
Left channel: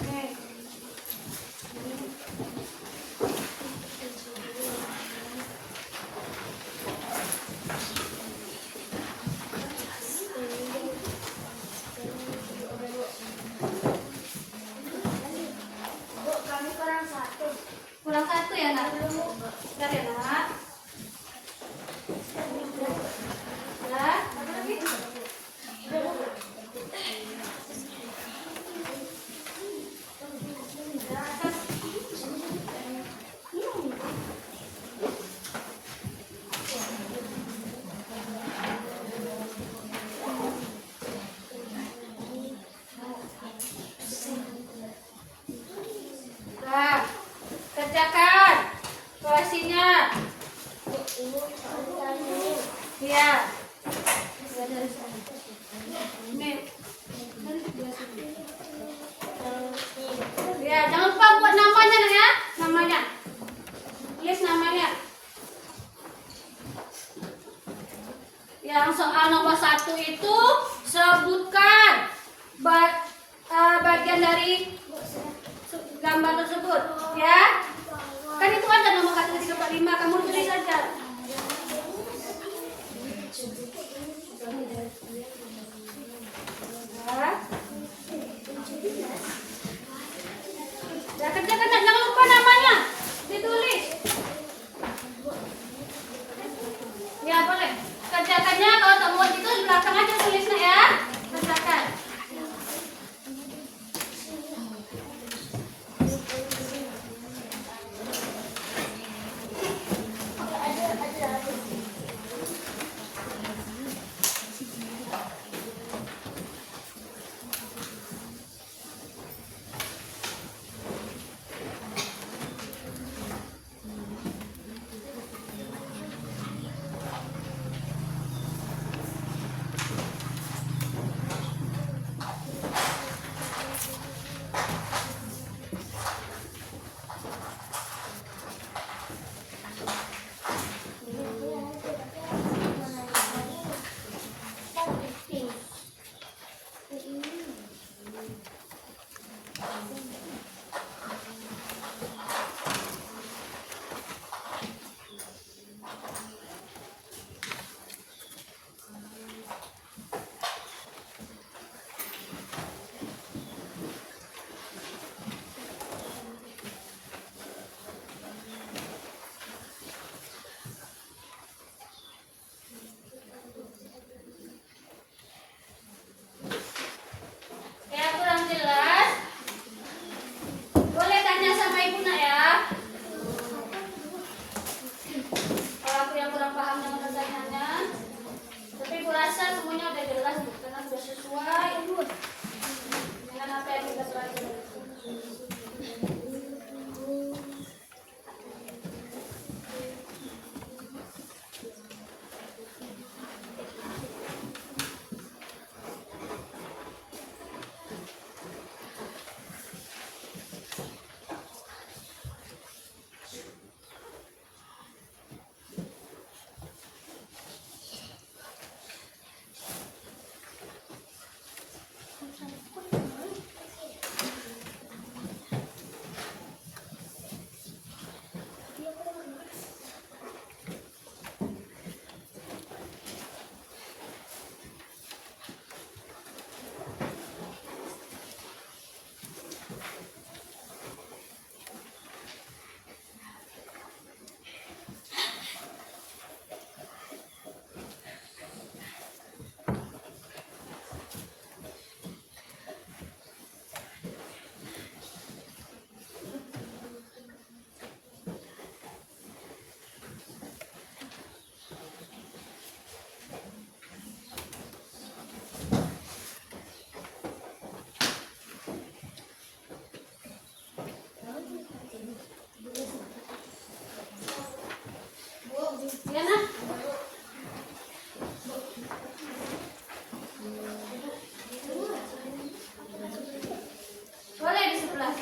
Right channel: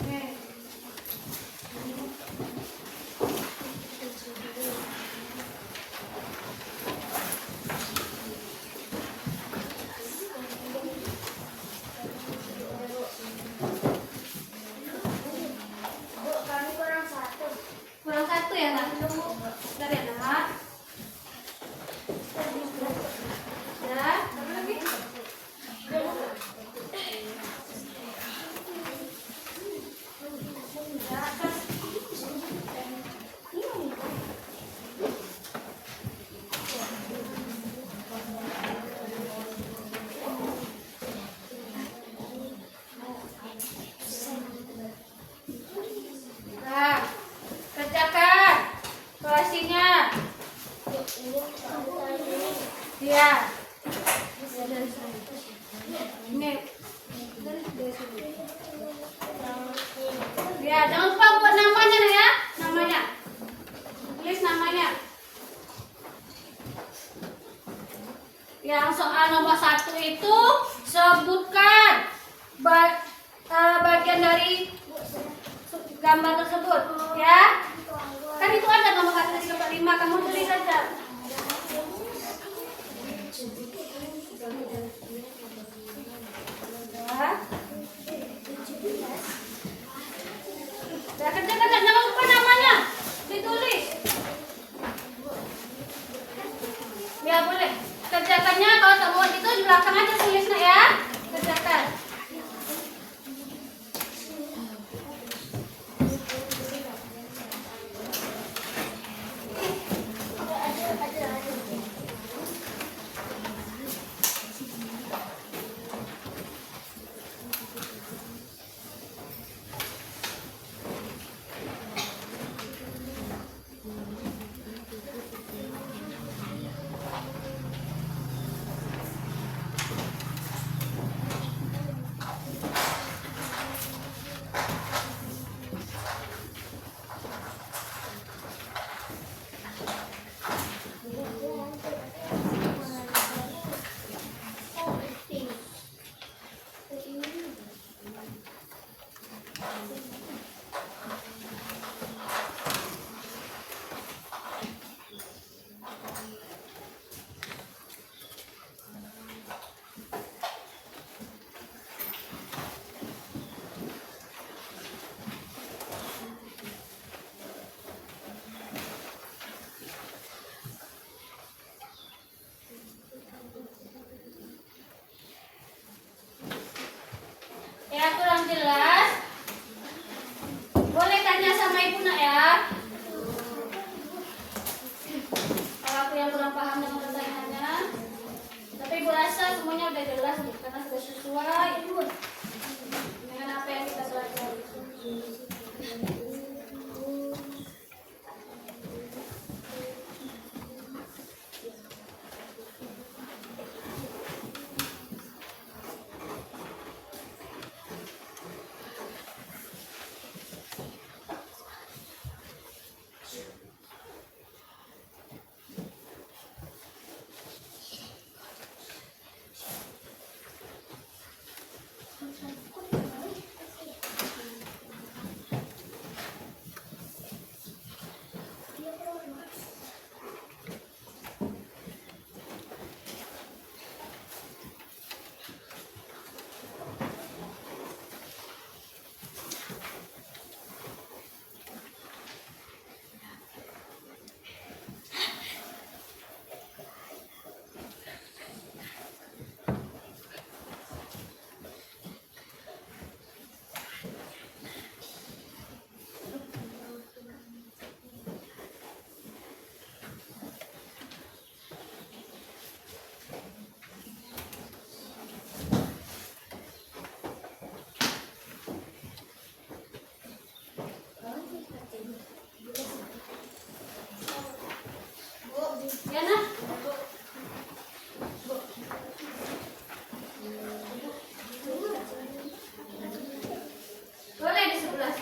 Oke. Bu, kami kurang 1. Kurang 1 ya nak? Bentar ya nak. Iya. Ini. Ya, jangan lupa buat namanya ya, namanya. Tulis namanya. Yang soal nomor 1 itu sebutkan bagian dari gambar tersebut, ya. Kan itu ada nomor 1, 2, 3, 4, 5. Kamu tulis saja. Ya, kerjakan, jangan lupa namanya ditulis. Ya boleh. Kerjakannya kalau tak buat itu di belakang aja tulisnya ya. Kerjakan. Ya kurang jelas. Boleh tanya sama ibu nak ya. Kalau aku yang kurang paham dengan pertanyaannya. Tapi ibu rasa semuanya udah jelas karena sudah sesuai dengan apa yang kita pelajari. Ya nak. Boleh di sebelah.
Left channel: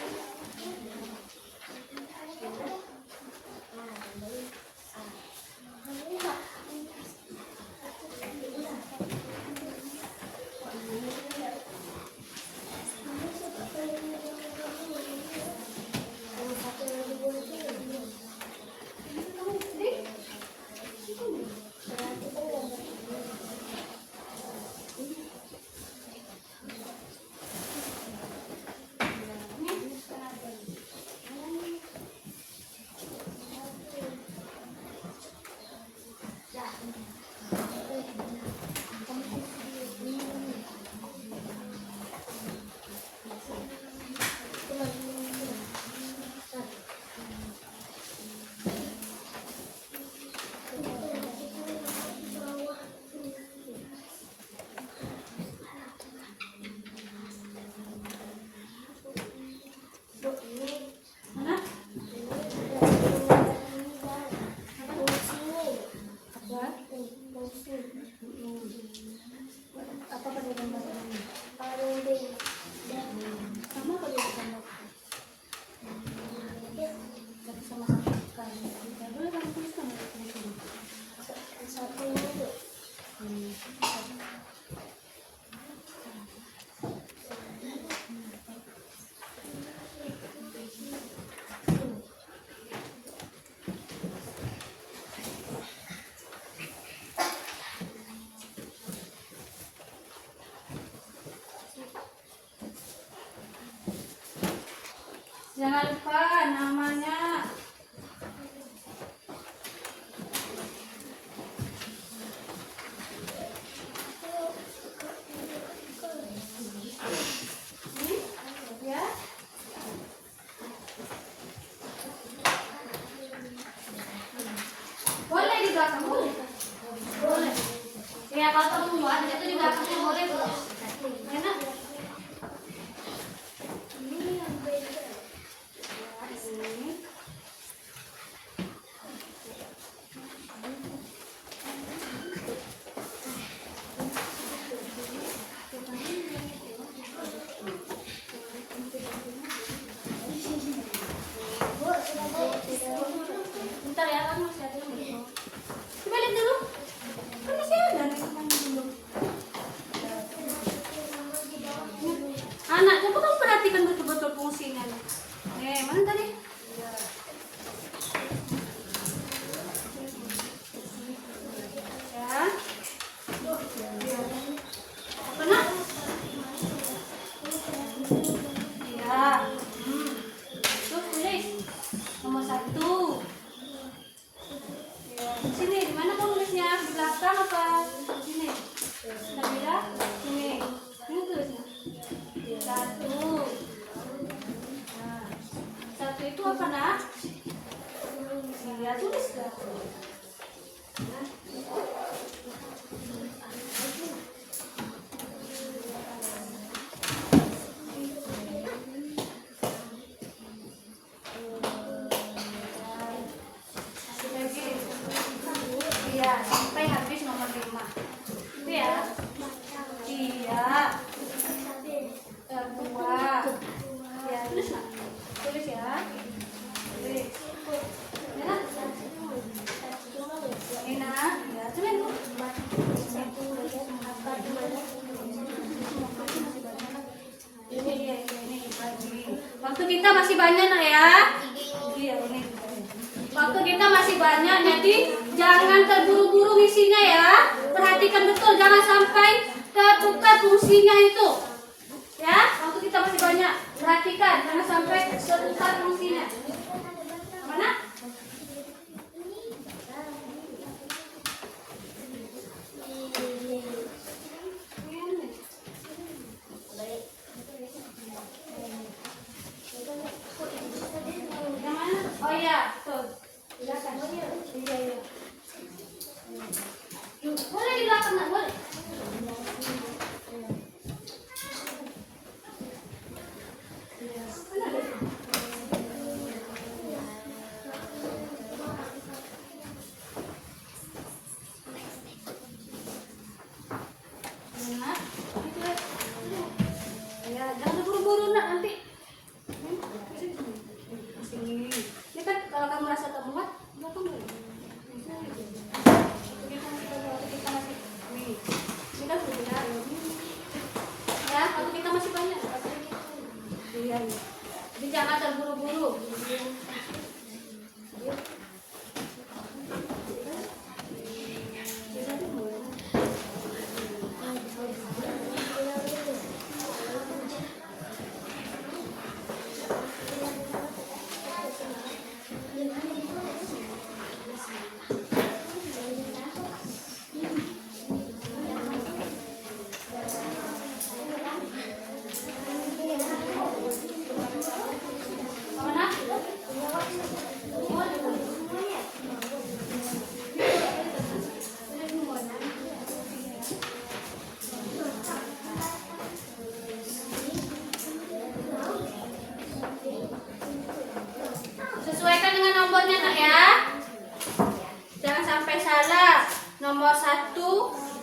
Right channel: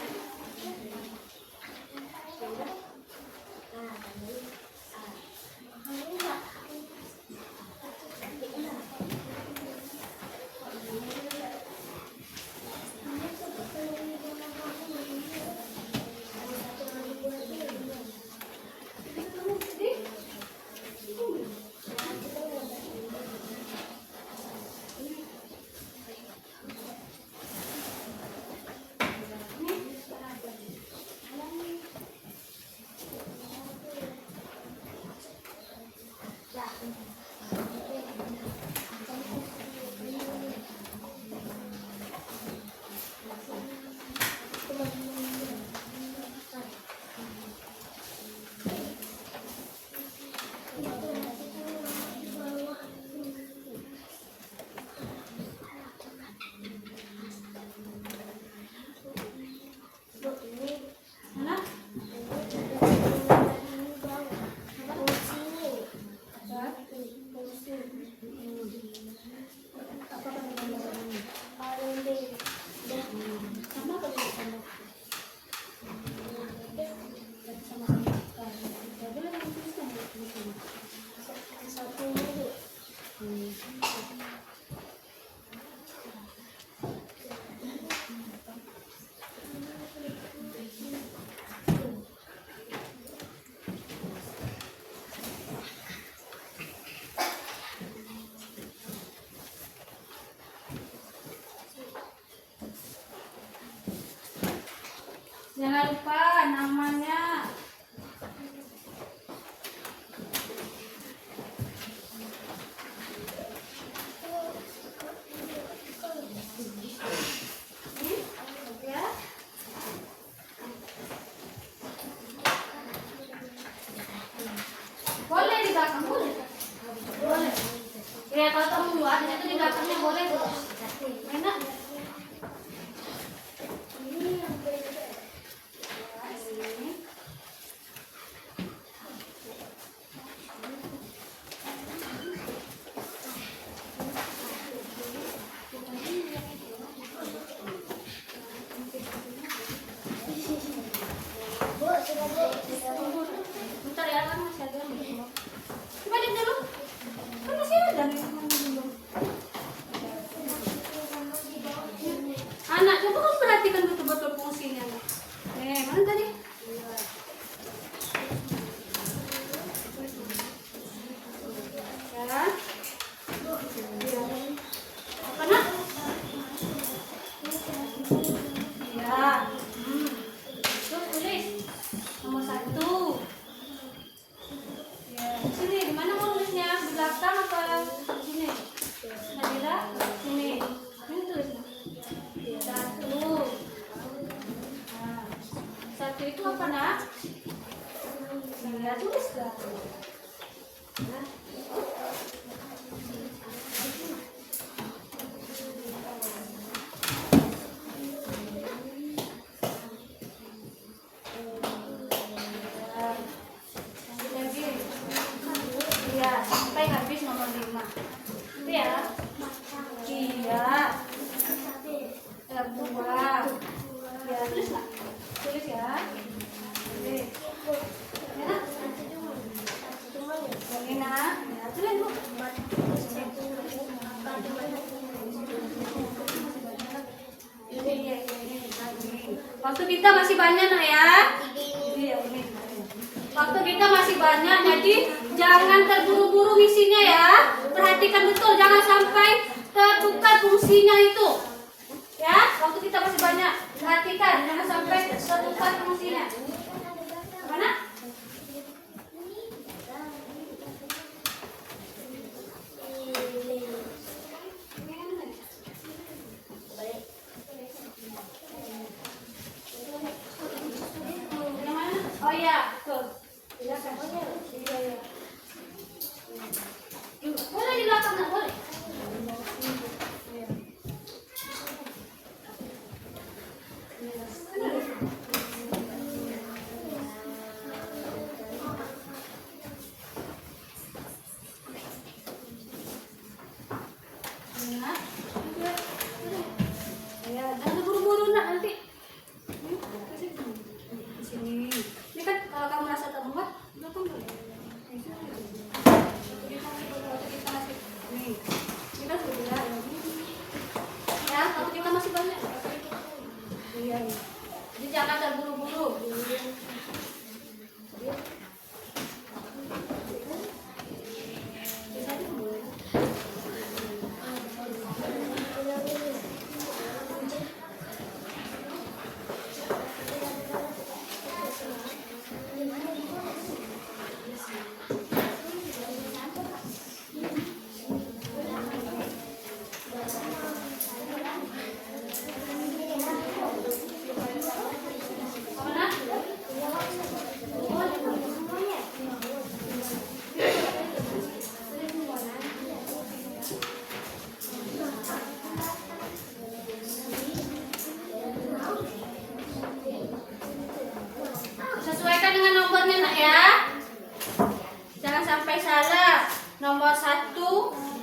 belakang boleh. Boleh. Ya kalau kamu muat, itu di belakangnya boleh. Enak. Bentar ya, kan masih ada nih. Coba lihat dulu. Kan masih ada nih. Anak, coba kamu perhatikan betul-betul fungsinya. Mana tadi? Ya. Apa nak? Ya. Tuh tulis. Nomor 1. Ya. Di sini, di mana mau nulisnya? Di belakang apa? Di sini. Nabila, sini. Ini tulisnya. 1. Nah, 1 itu apa nak? Ya tulis lah. Iya, sampai habis nomor 5. Itu ya. Iya. Buah. Ya, tulis lah. Tulis ya. Tulis. Ya. Ini nak. Ya, tulis Bu. Waktu kita masih banyak nak ya. Iya, ini. Waktu kita masih banyak, jadi jangan terburu-buru ngisinya ya. Perhatikan betul, jangan sampai tertukar fungsinya itu. Ya, waktu kita masih banyak, perhatikan, jangan sampai tertukar fungsinya. Mana? Yang mana? Oh iya, tuh. Boleh di belakang, nak? Boleh. Ya, jangan buru-buru nak nanti. Sini. Ini kan kalau kamu rasa tak muat, belakang boleh. Ini kan sudah. Ya, kalau kita masih banyak. Iya. Jadi jangan terburu-buru. Sesuaikan dengan nomornya nak ya. Jangan sampai salah. Nomor 1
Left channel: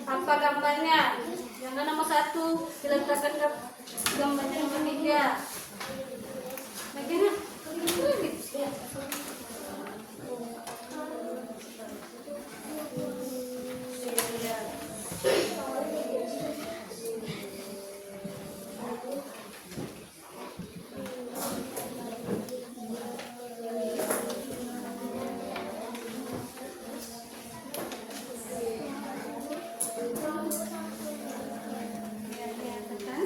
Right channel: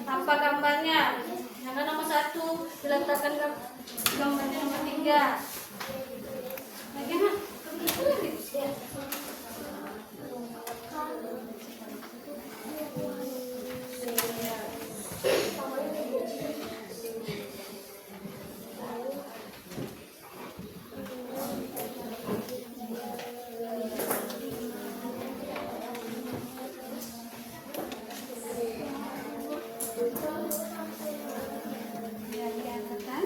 apa gambarnya? Jangan nomor 1 diletakkan ke gambarnya nomor 3. Bagaimana? Ya, lihat di sini.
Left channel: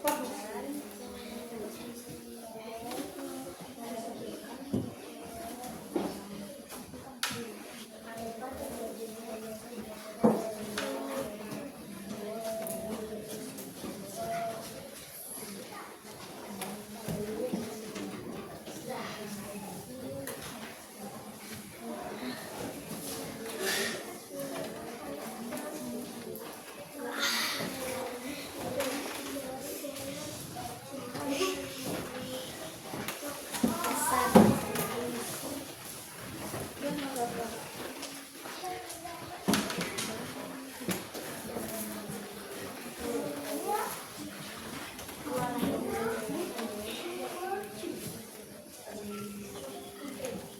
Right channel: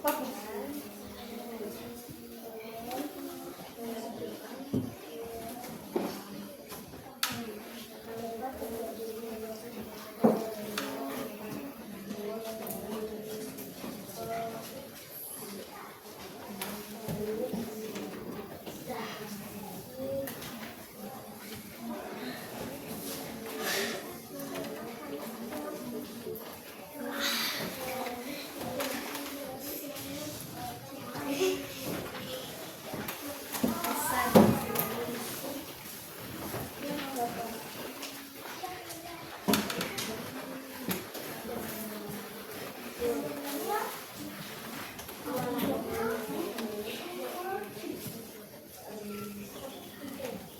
Apa?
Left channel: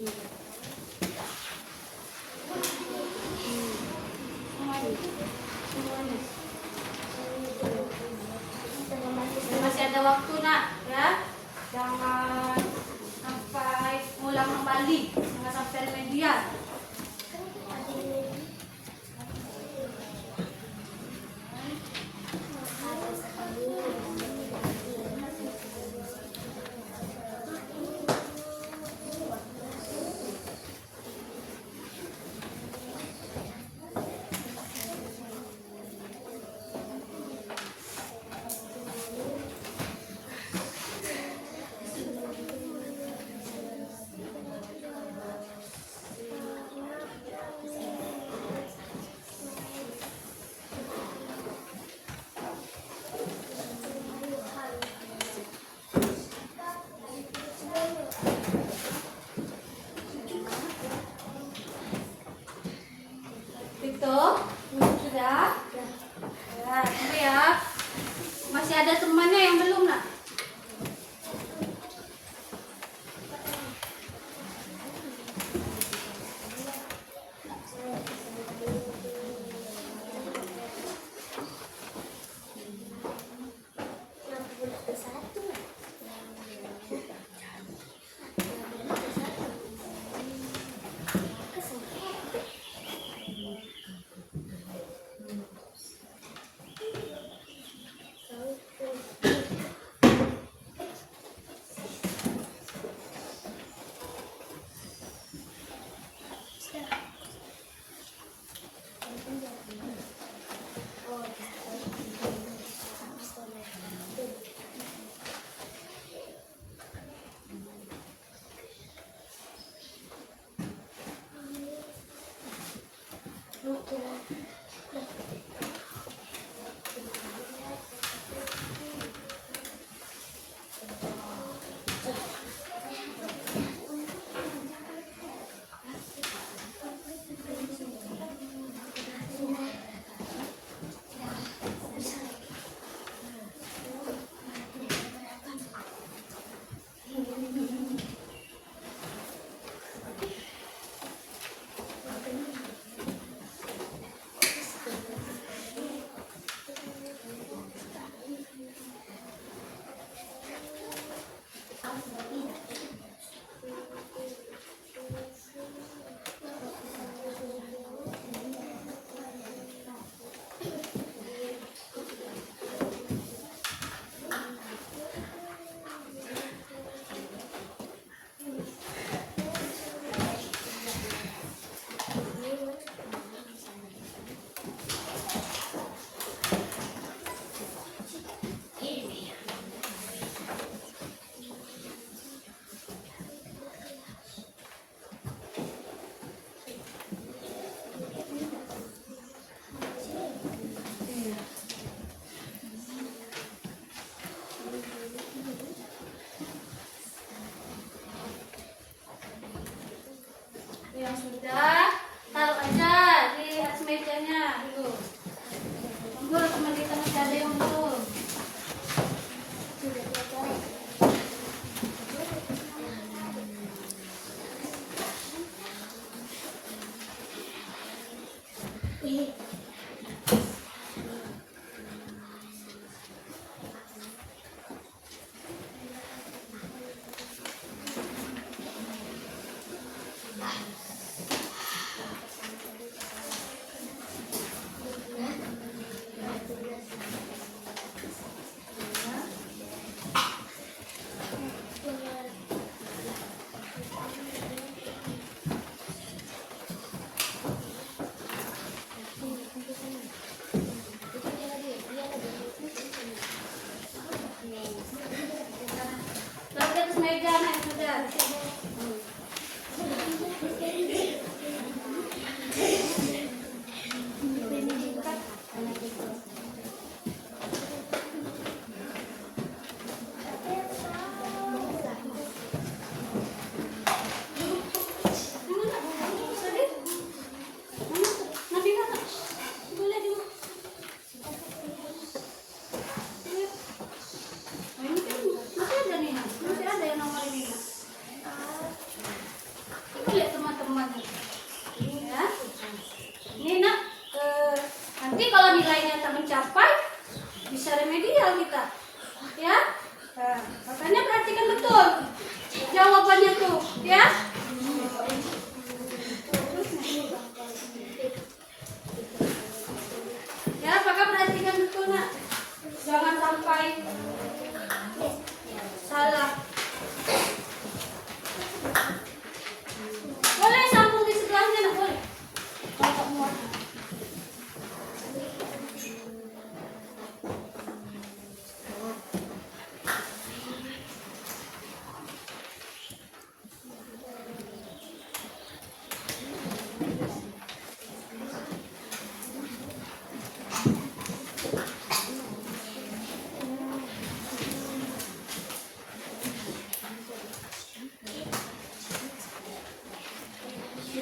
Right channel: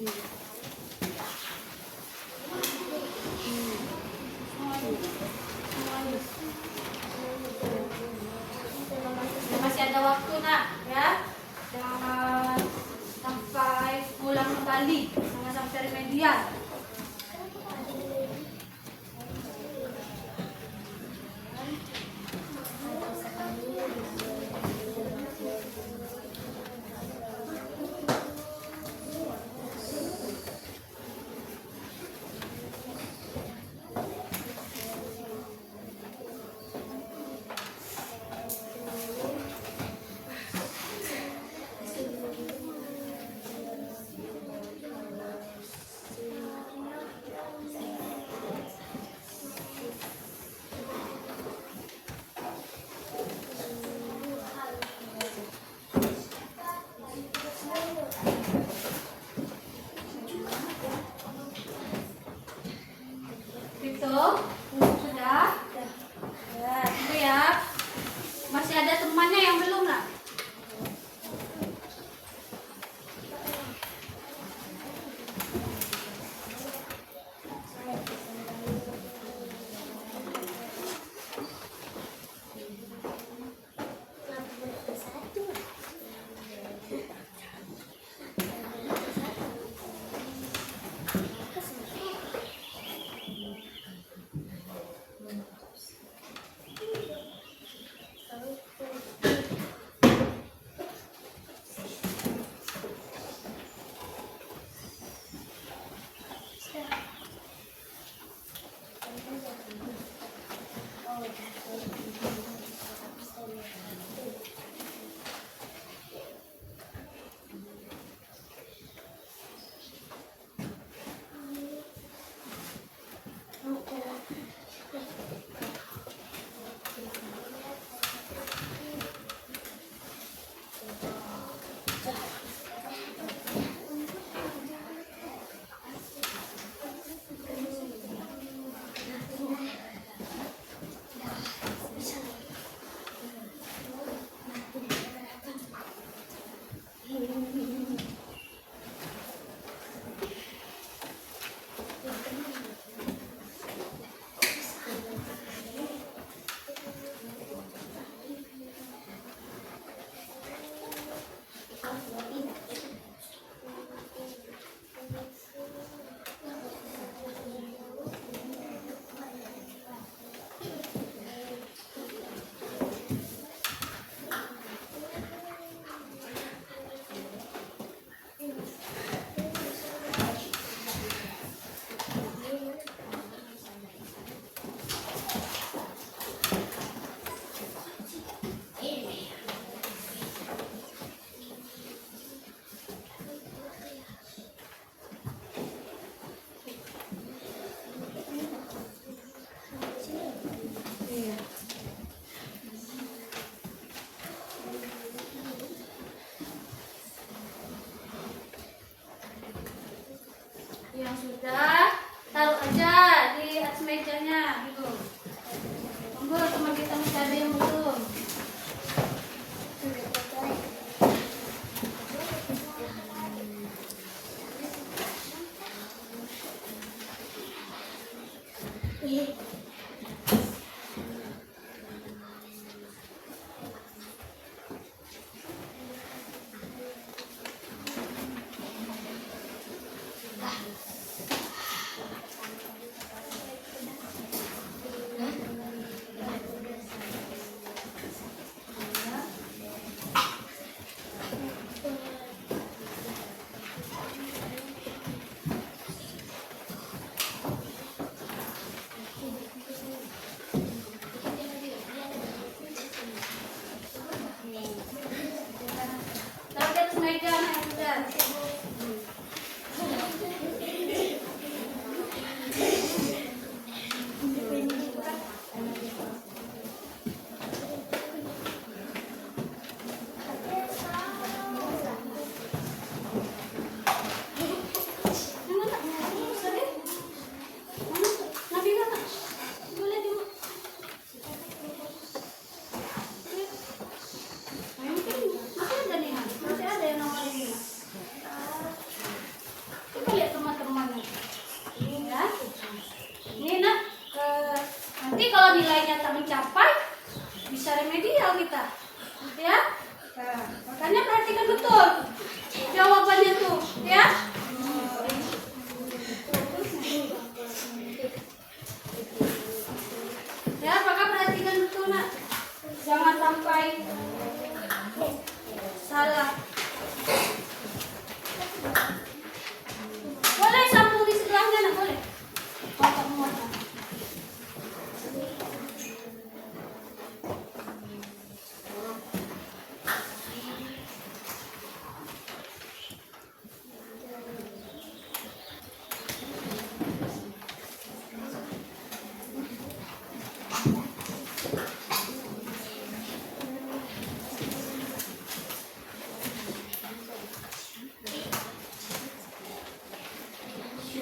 Masih ada waktu nak, ya. Jangan sampai ngulang kembali, jangan sampai remedial. Itu sudah. Ya, tunggu ya. Masih ada temannya yang belum nak? Yang sudah, taruh aja di atas mejanya gitu. Tunggu teman kita masih ada yang belum. Taruh di atas meja, nah sudah.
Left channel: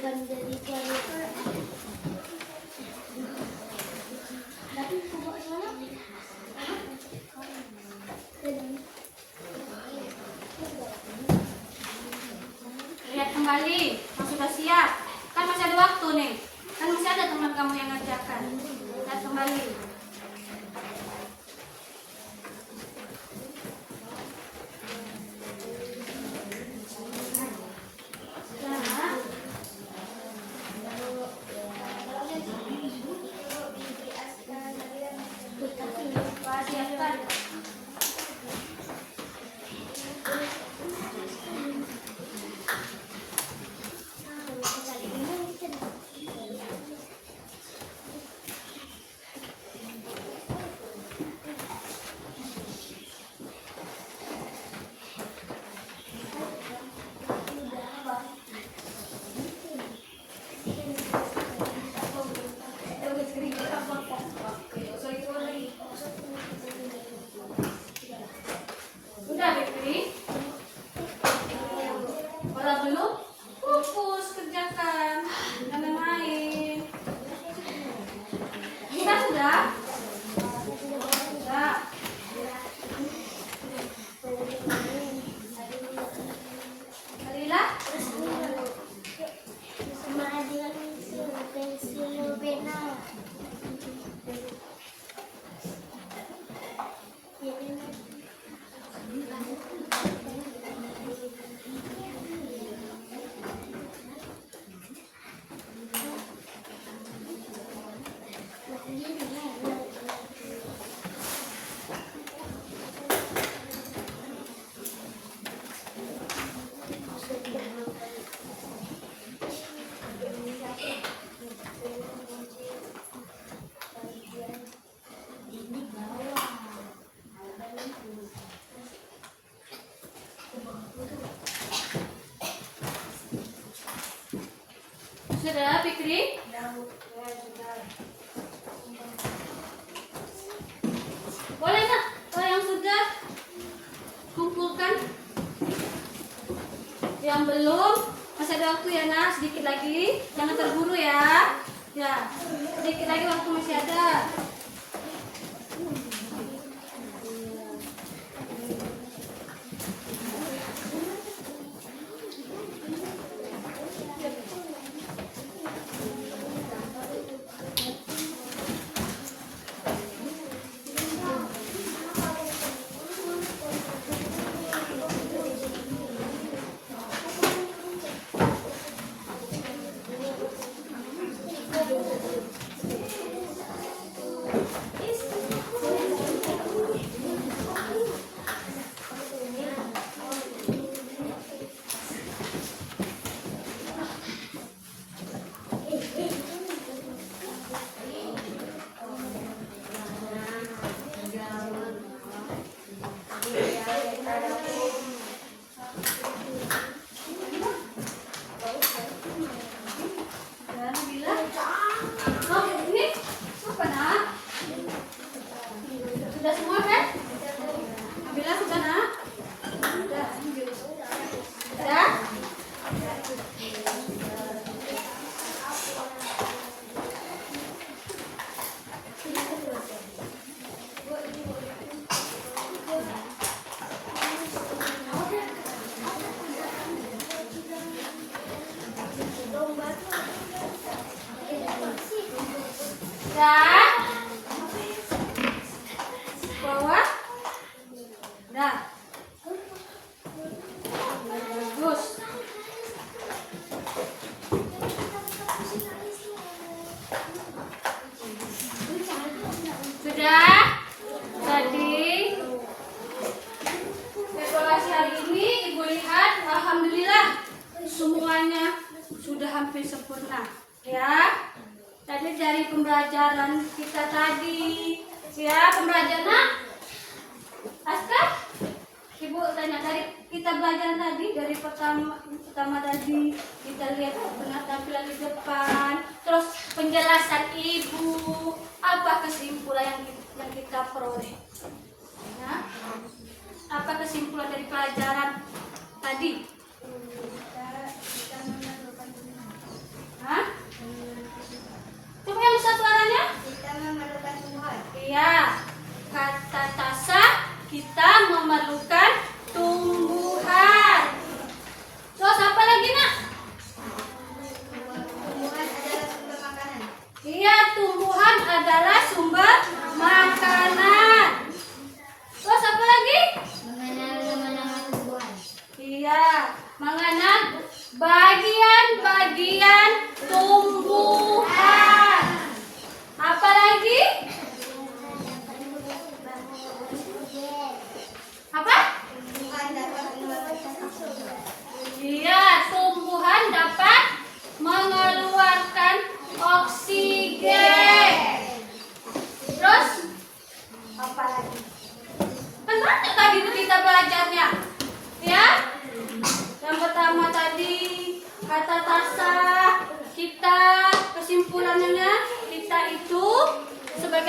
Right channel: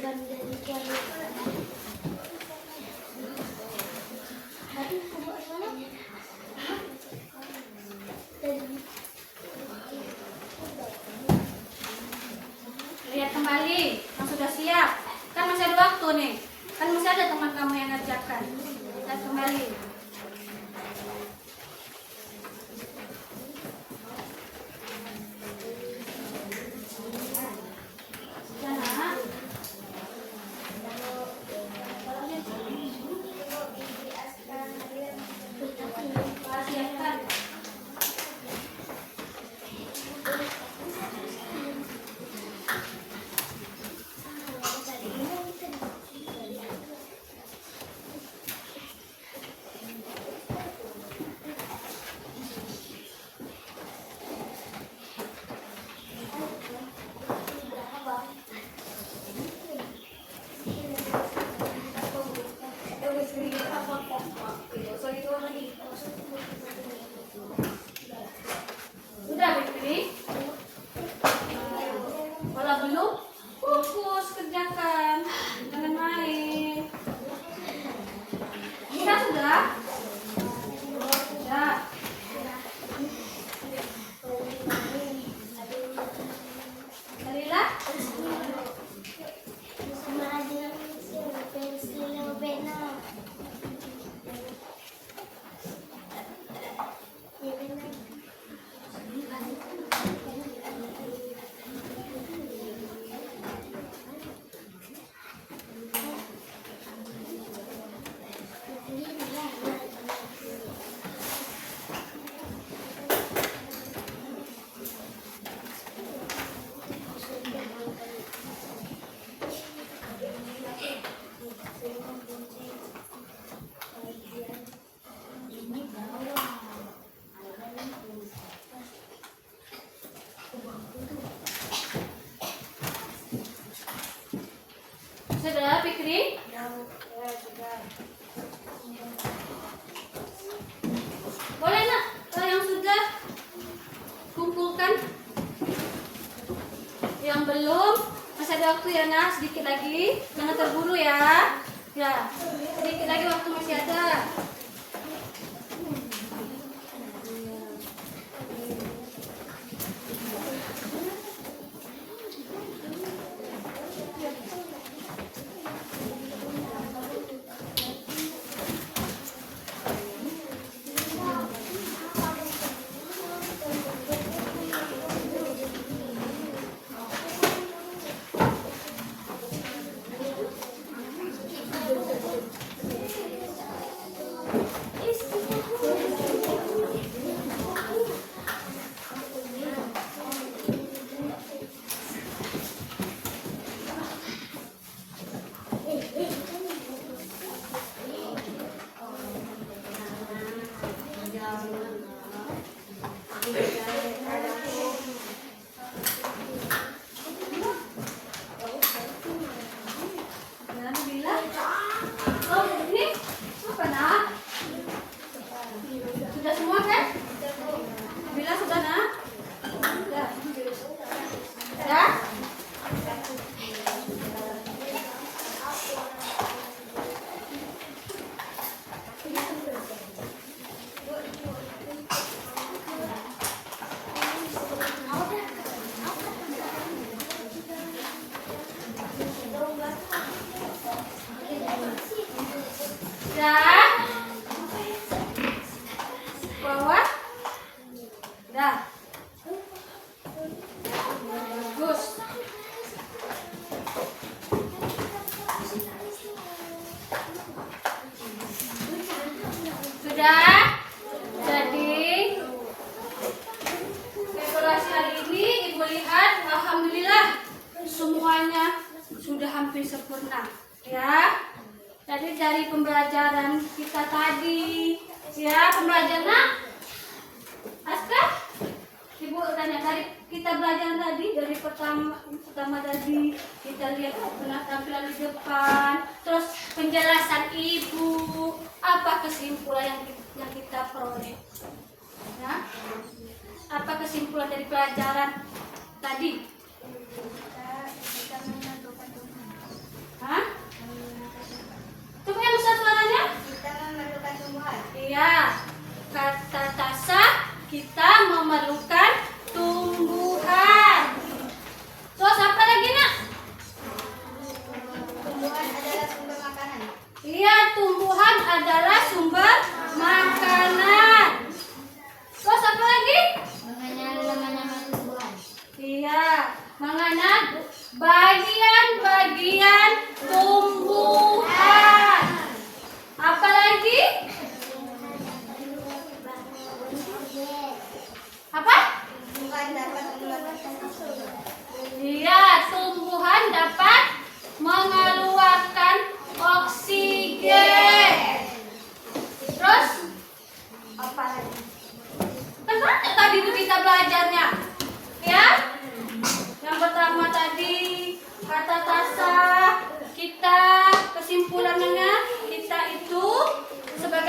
Lihat kembali, yang sudah siap. Kan masih ada waktu nih. Kan masih ada teman kamu yang ngajarkan. Lihat kembali. Siapkan. Udah, Fitri? Kalau belum, fokus kerjakan. Jangan main. Sudah? Sudah. Lila? Sudah, Fikri? Boleh nak, kalau yang sudah kumpulkan. Yang belum, masih ada waktu ya nak, sedikit lagi. Jangan terburu ya. Ya, sedikit lagi waktu masih ada. Sudah? Jadi dekorasi hari ini Ibu lihat, alhamdulillah semuanya sudah hampir sempurna, ya. Jadi dari pembelajaran kita tadi, ya, pembelajaran Askar, Ibu tanya dari kita belajar tadi, dari pertama tadi kita lihat tampilan di depan, terus penjelasan Ibu, apa kesimpulan yang kita peroleh, ya? Apa kesimpulan dari pelajaran tadi?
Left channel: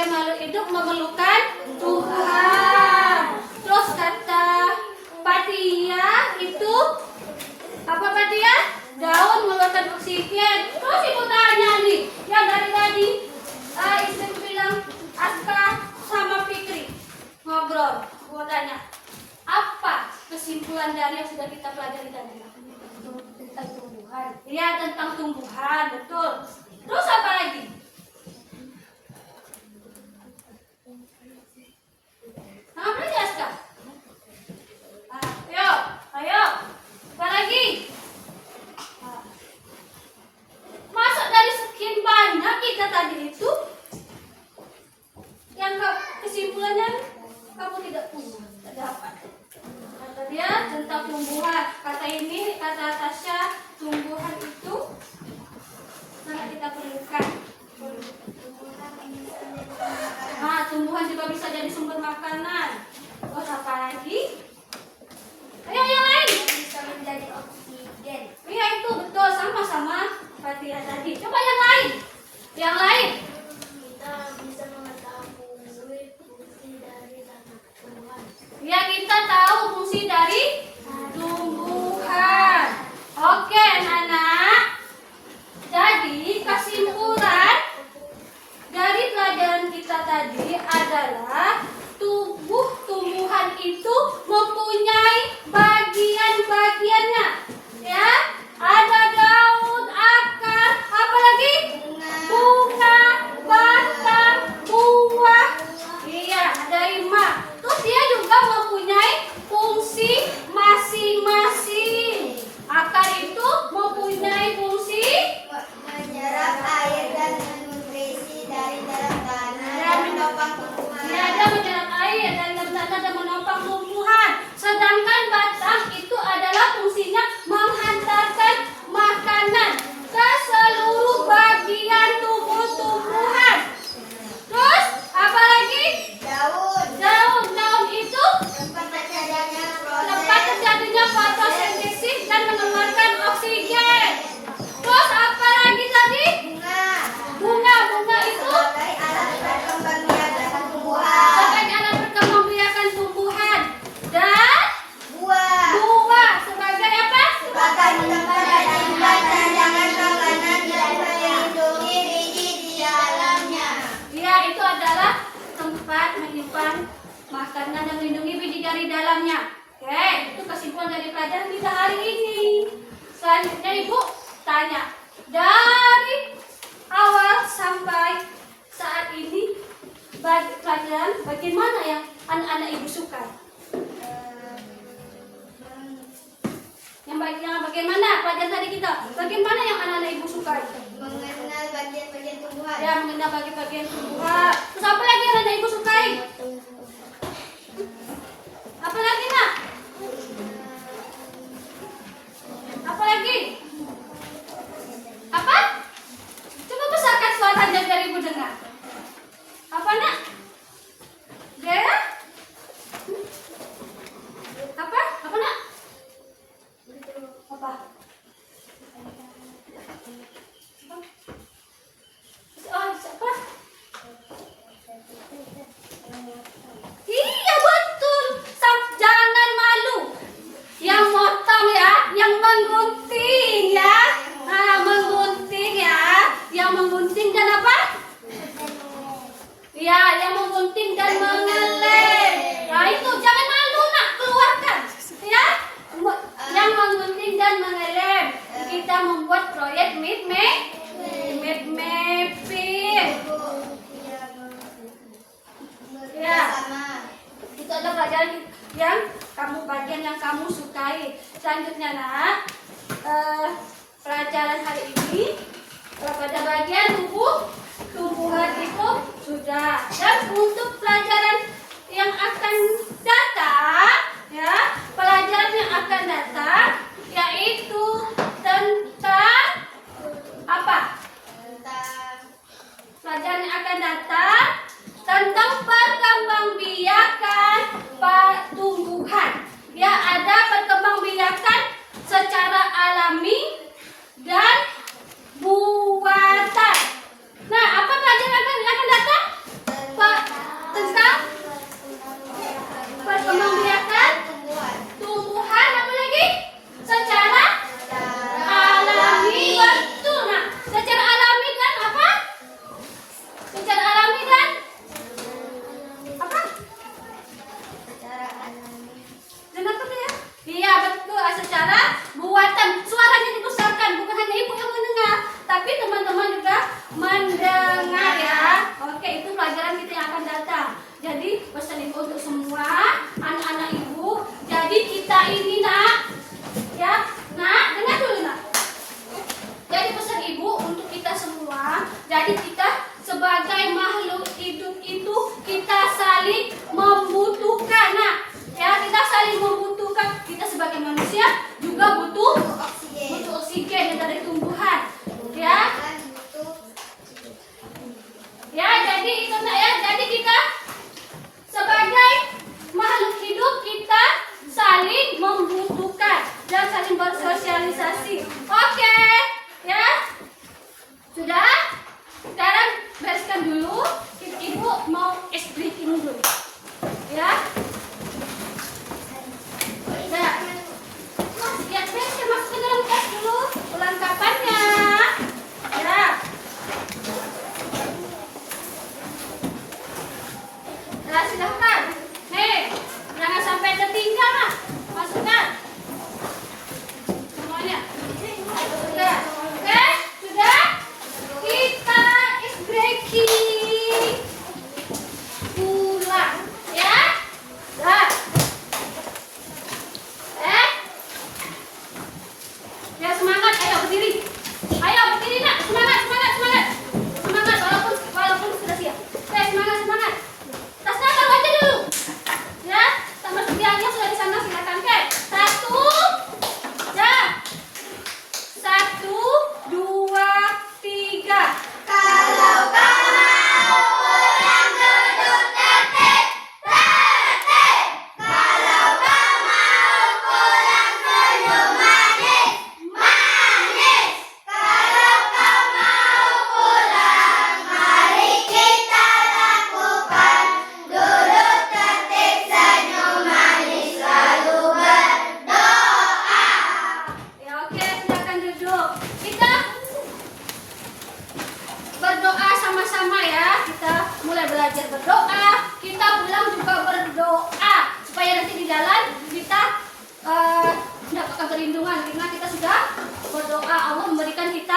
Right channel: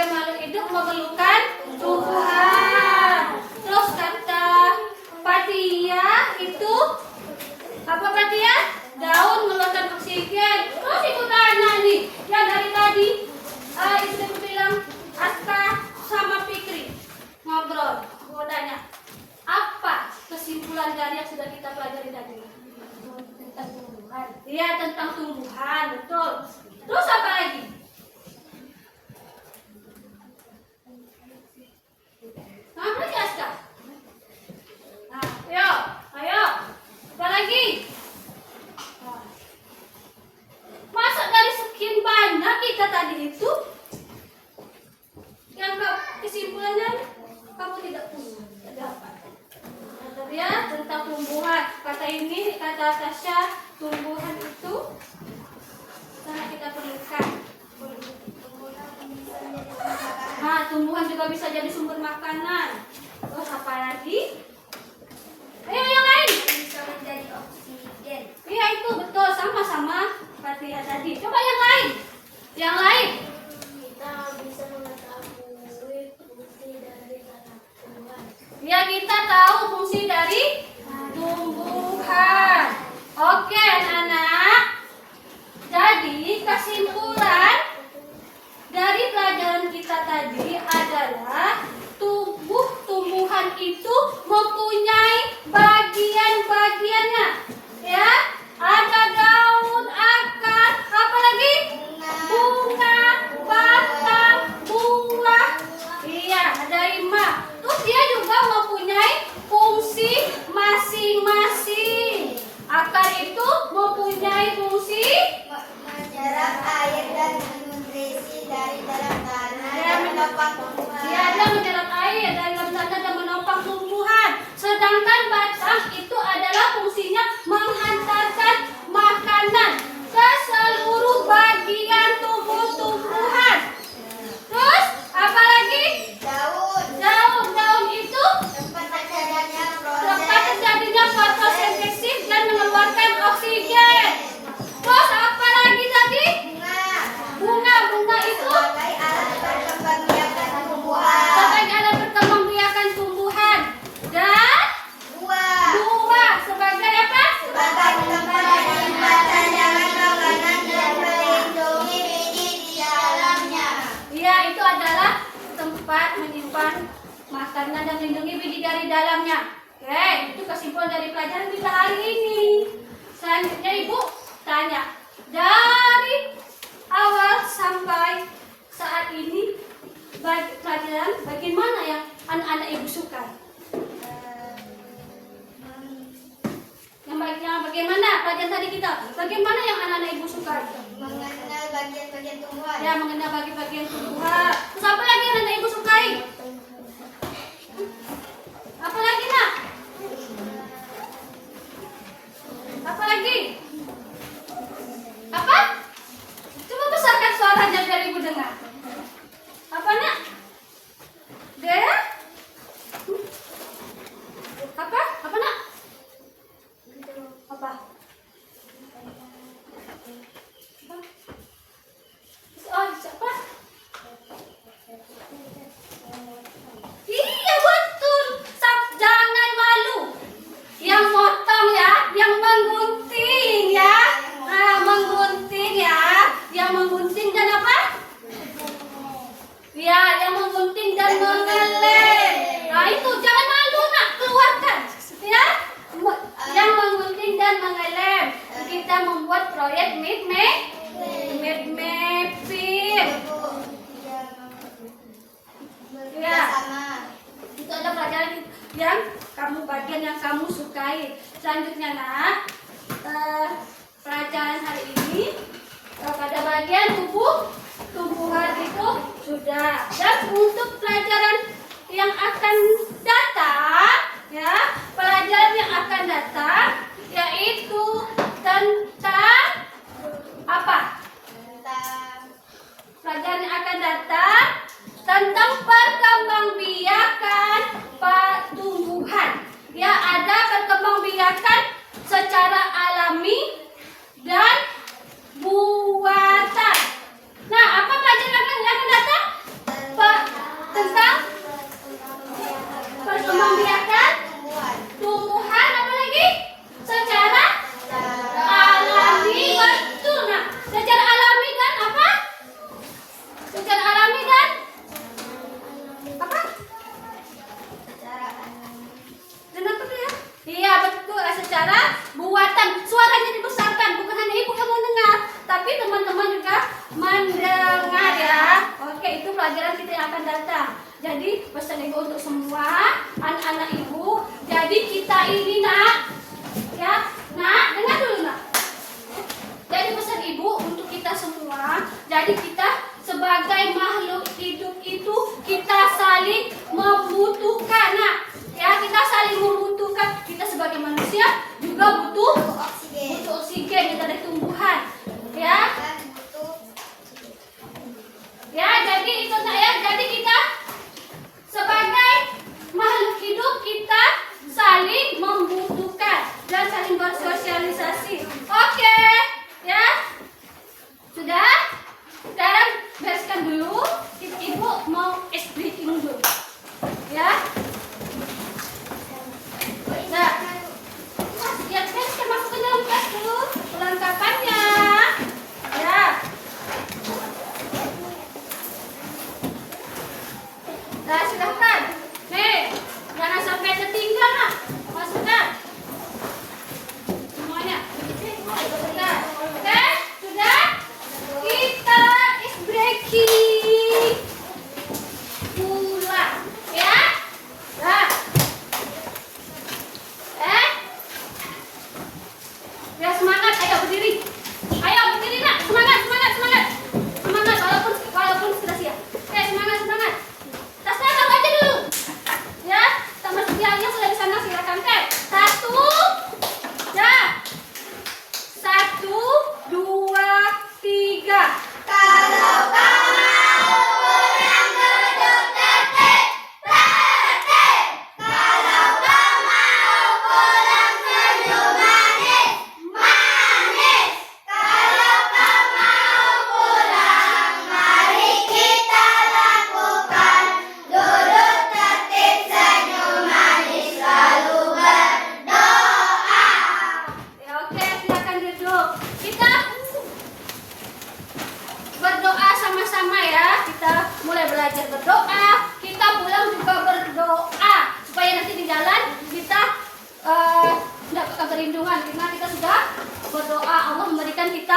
makhluk hidup memerlukan tumbuhan. Terus kata Patia itu apa Patia? Daun mengeluarkan oksigen. Terus ibu tanya nih, yang dari tadi ibu bilang Aska sama Fikri ngobrol. Mau tanya, apa kesimpulan dari yang sudah kita pelajari tadi? Tentang tumbuhan. Iya, tentang tumbuhan, betul. Terus apa lagi? Apa lagi Aska? Ayo. Apa lagi? Masa dari sekian banyak kita tadi itu yang kesimpulannya kamu tidak punya, tidak dapat. Kata dia tentang tumbuhan. Kata ini, kata Tasya, tumbuhan itu sangat kita perlukan. Nah, tumbuhan juga bisa jadi sumber makanan. Terus apa lagi? Ayo yang lain. Bisa menjadi oksigen. Iya itu betul, sama-sama Fatia tadi. Coba yang lain. Yang lain. Kita bisa mengetahui fungsi dari tumbuhan. Ya kita tahu fungsi dari tumbuhan. Oke anak-anak. Jadi kesimpulan dari pelajaran kita tadi adalah tumbuhan itu mempunyai bagian-bagiannya. Ya, ada daun, akar, apa lagi? Bunga, batang, buah. Iya, ada 5. Terus dia juga mempunyai fungsi masing-masing. Akar itu mempunyai fungsi Menyerap air dan nutrisi dari dalam tanah dan menopang tumbuhan. dia ada menyerap air dari dalam tanah dan menopang tumbuhan. Sedangkan batang itu adalah fungsinya menghantarkan makanan ke seluruh bagian tubuh-tumbuhan. Terus apa lagi? Daun itu tempat terjadinya fotosintesis dan mengeluarkan oksigen. Terus apa lagi tadi? Bunga itu sebagai alat perkembangbiakan tumbuhan. Dan buah sebagai apa? Iya, itu adalah tempat menyimpan makanan dan melindungi biji dari dalamnya. Oke, itu kesimpulan dari pelajaran kita hari ini. Selanjutnya Ibu tanya, dari awal sampai saat ini pelajaran bagian mana yang anak-anak Ibu suka? Yang bagaimana pelajaran tadi kita? Bagaimana yang anak-anak Ibu suka? Mengenal bagian-bagian tumbuhan. Ya, mengenal bagian tumbuhan. Terus apa lagi yang anak Ibu sukai? Apa lagi nak? Apa lagi? Apa? Coba besarkan suaranya biar Ibu dengar. Apa nak? Dea? Apa? Apa nak? Apa? Oh, siapa? Iya betul. Jangan malu. Yang motong ya, yang menggunting ya. Nah, menggunting ya. Yang menggunting dan apa? Ya, yang menggunting dan mengelem. Nah, itu jangan malu nak, keluarkan. Ya. Yang menggunting dan mengelem. Kita membuat proyek mapping. Ya. Itu adalah pelajaran yang bagian yang kamu sukai. Selanjutnya nak, pelajaran hari ini pada bagian tumbuhan itu sudah. Dan untuk pelajaran yang akan datang, ya, pelajaran yang akan datang yaitu tentang apa? Pelajaran yang akan datang tentang perkembangbiakan tumbuhan. Ya, ada perkembangbiakan secara alami dan buatan. Nah, apa pelajaran yang akan datang? ini nak, ya, nak, dengar dulu nak. Jadi pesan ibu untuk kita semua, jadi kita sebagai makhluk hidup itu kita saling membutuhkan nak. Ya, kita saling membutuhkan. Kita sebagai manusia juga butuh oksigen dari tumbuhan. Ya. Ya, jadi itu nak ya. Jadi kita sebagai makhluk hidup kita saling membutuhkan dan saling bersosialisasi. Oke, ya. Sudah? Sekarang bereskan dulu. Ibu mau ice breaking dulu. Ya. Ya. Ya, bereskan masuk ke dalam tas dulu perlengkapannya. Ya. Nah, silahkan. Nih, jangan sampai tertinggal nak. Masukkan. Semuanya. Sudah. Oke, sudah. Kita is breaking. Pulang. Ya. Dah. Ya semangat, ayo berdiri. Ayo berdiri nak, semangat, semangat, semangat. Semangat walaupun sudah siap. Oke, semangat, semangat. Tasnya taruh aja dulu. Ya, sama sedianya sudah di sana silakan. Oke, 1. Ya. 1, 2, 3. Kalau kau mau pulang duduk tetek, tetek. Kalau kau mau pulang senyum manis, manis. Kalau kau mau pulang, mari kita lakukan. Duduk tetek, senyum manis, lalu berdoa. Ya, oke, silakan duduk. Kita berdoa sama-sama ya. Kita mulai belajar berdoa. Kita pulang juga berdoa supaya nanti di jalan kita mendapatkan perlindungan karena kita sudah berdoa Allah memberikan kita